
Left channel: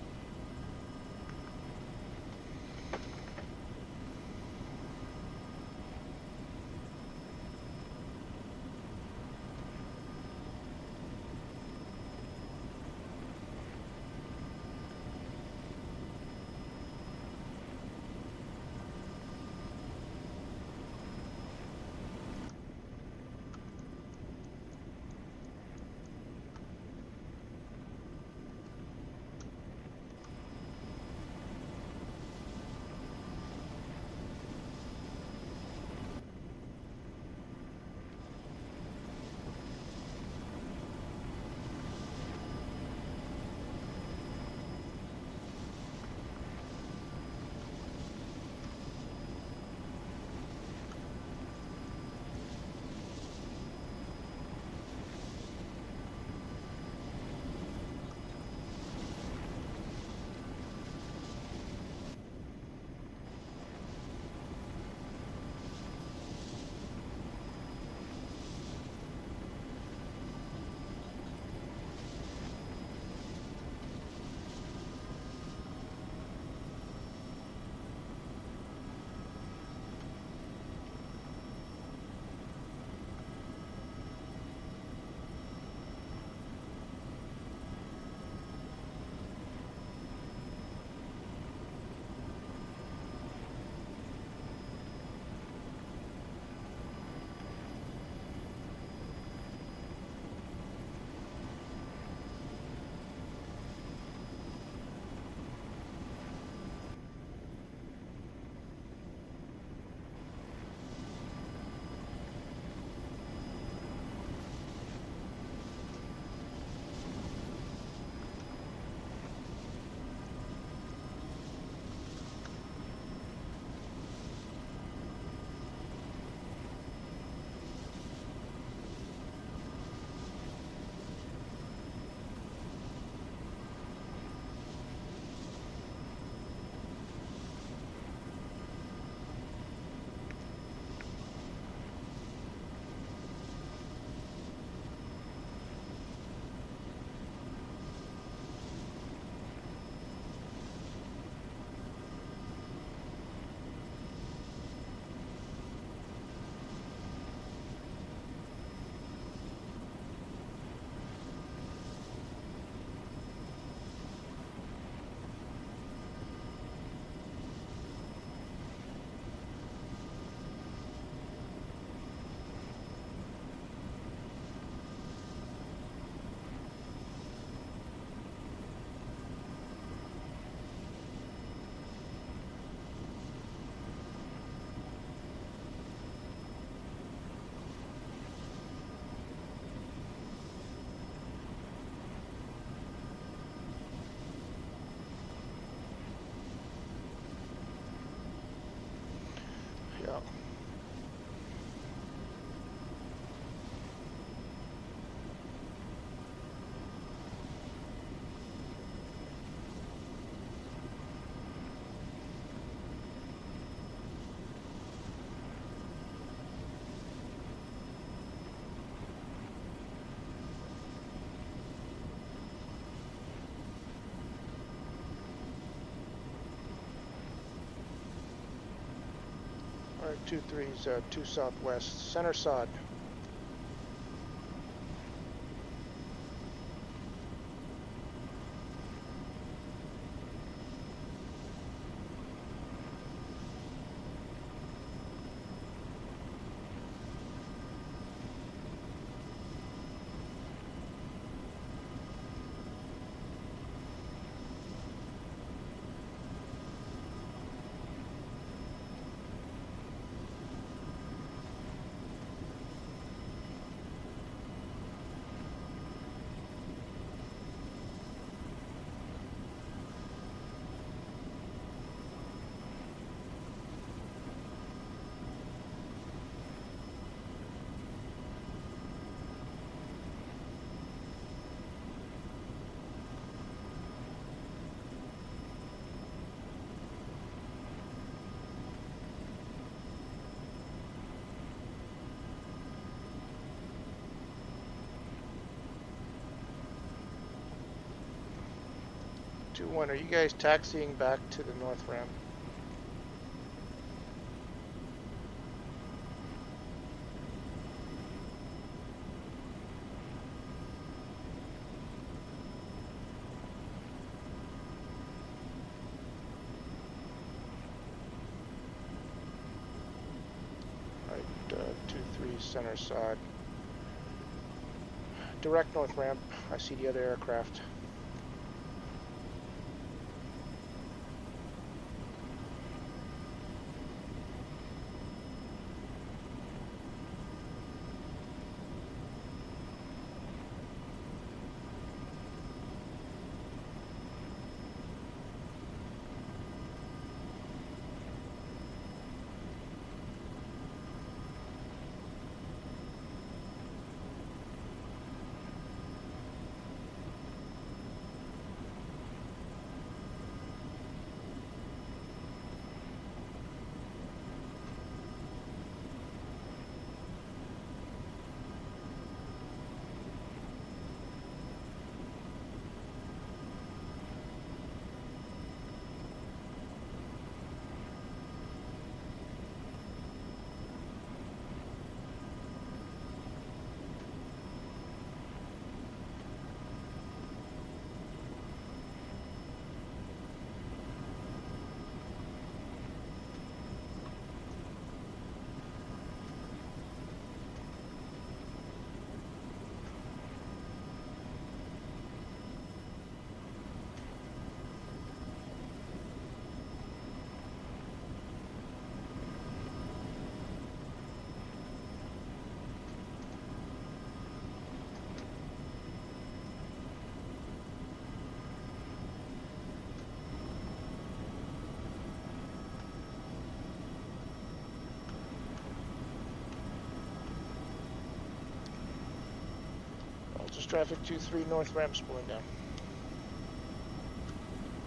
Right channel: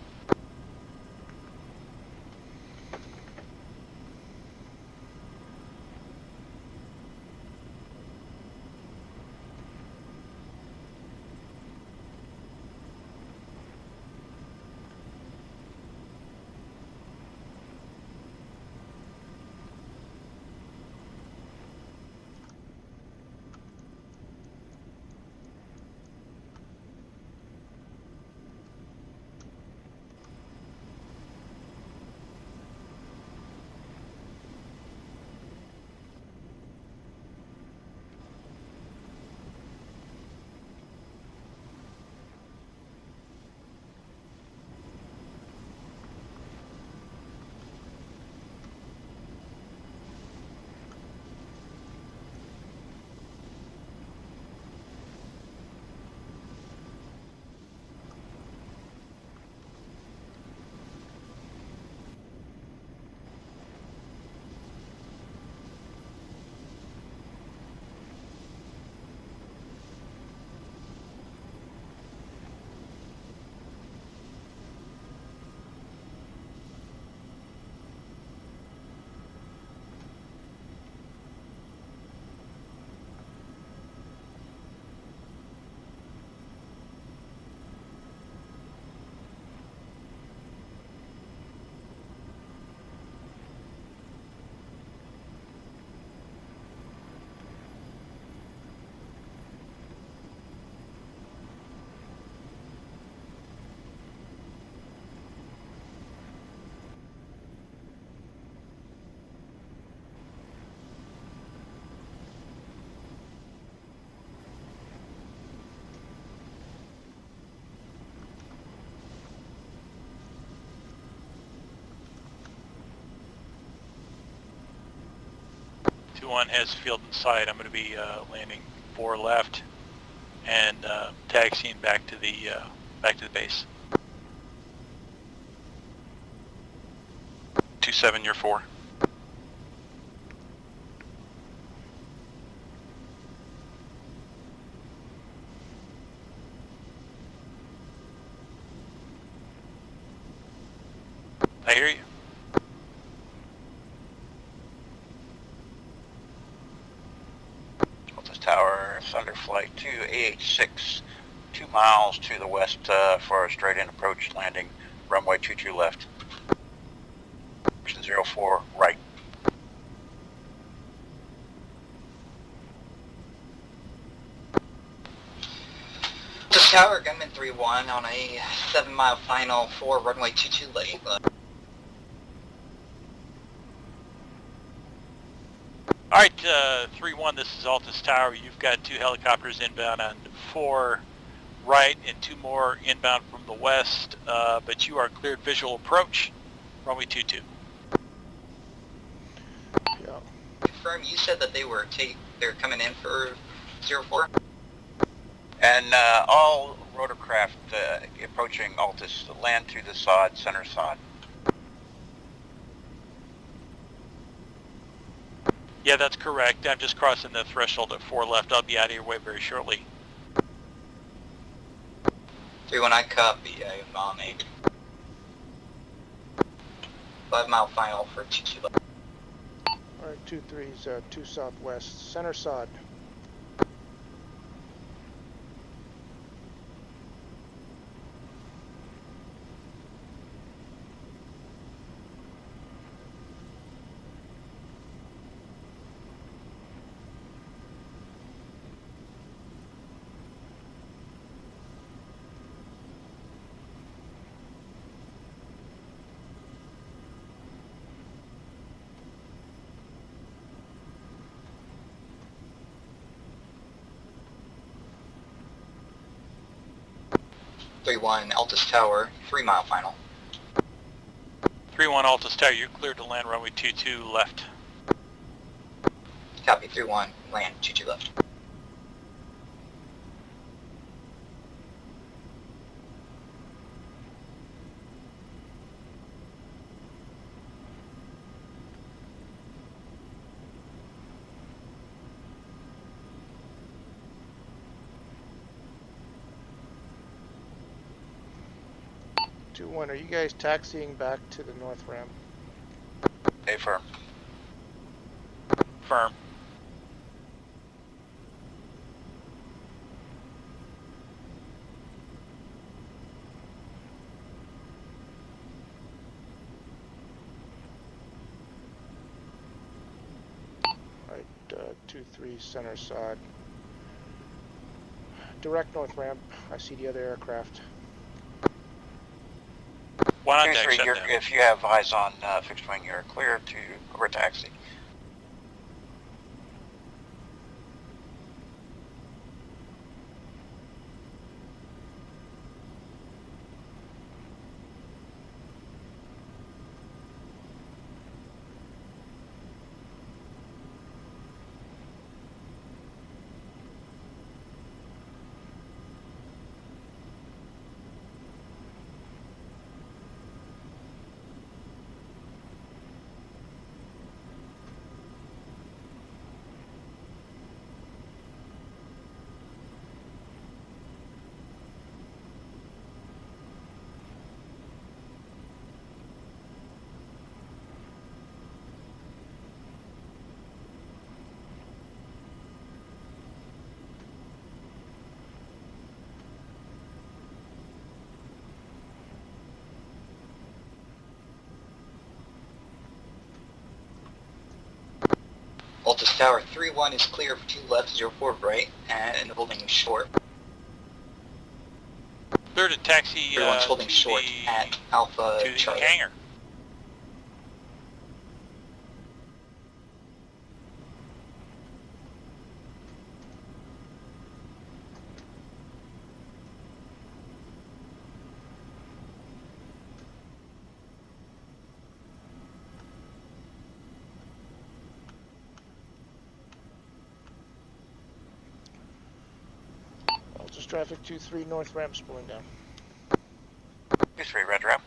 One has field in sight. I'm going to be landing 4 left and taxiing back to the base. 27, you're 4. I hear you. Tower, Thunder Flight 286, 2 miles to the west for a straight-in approach landing, runway 22 left. 04 right. Altus Tower, Gunman 3-1 on a 7-mile final for runway 22 late. Alright, 3-1, this is Altus Tower. You've got 2 helicopters inbound on 4 right and 2 more inbound from the west, but you are cleared visual approach, runway 22. Yeah. Confirm, you said that they're coming in for 04? And all rotorcraft approaching Altus land to the sod, center sod. Yeah, that's correct. I'm just crossing the threshold at 4 left. I'll be out of your way very shortly. 3-1, I copy. I'm on a 5-mile final for 22 left. Alright, 2-3's 2 southwest, center sod. Altus Tower, 3-mile final. 3-1 Altus Tower, you're cleared to land runway 22 left. Copy, 3-1, land, 22 left. Are you guys taxiing back to the north ramp? Affirm. Firm. Alright, 2-3 center sod. Direct north ramp. I see the other aircraft. One on deck, 2-3, shut down. if you have eyes on fixed wing, you're clear to over taxi. Altus Tower, 3-1 is clear for 2 left, 04 right, and holding short. Clear to taxi 3-1's holding to short the, at Alpha to the Charlie. hangar. Altus traffic 2-3 north ramp pulling down. 2-3 red ramp.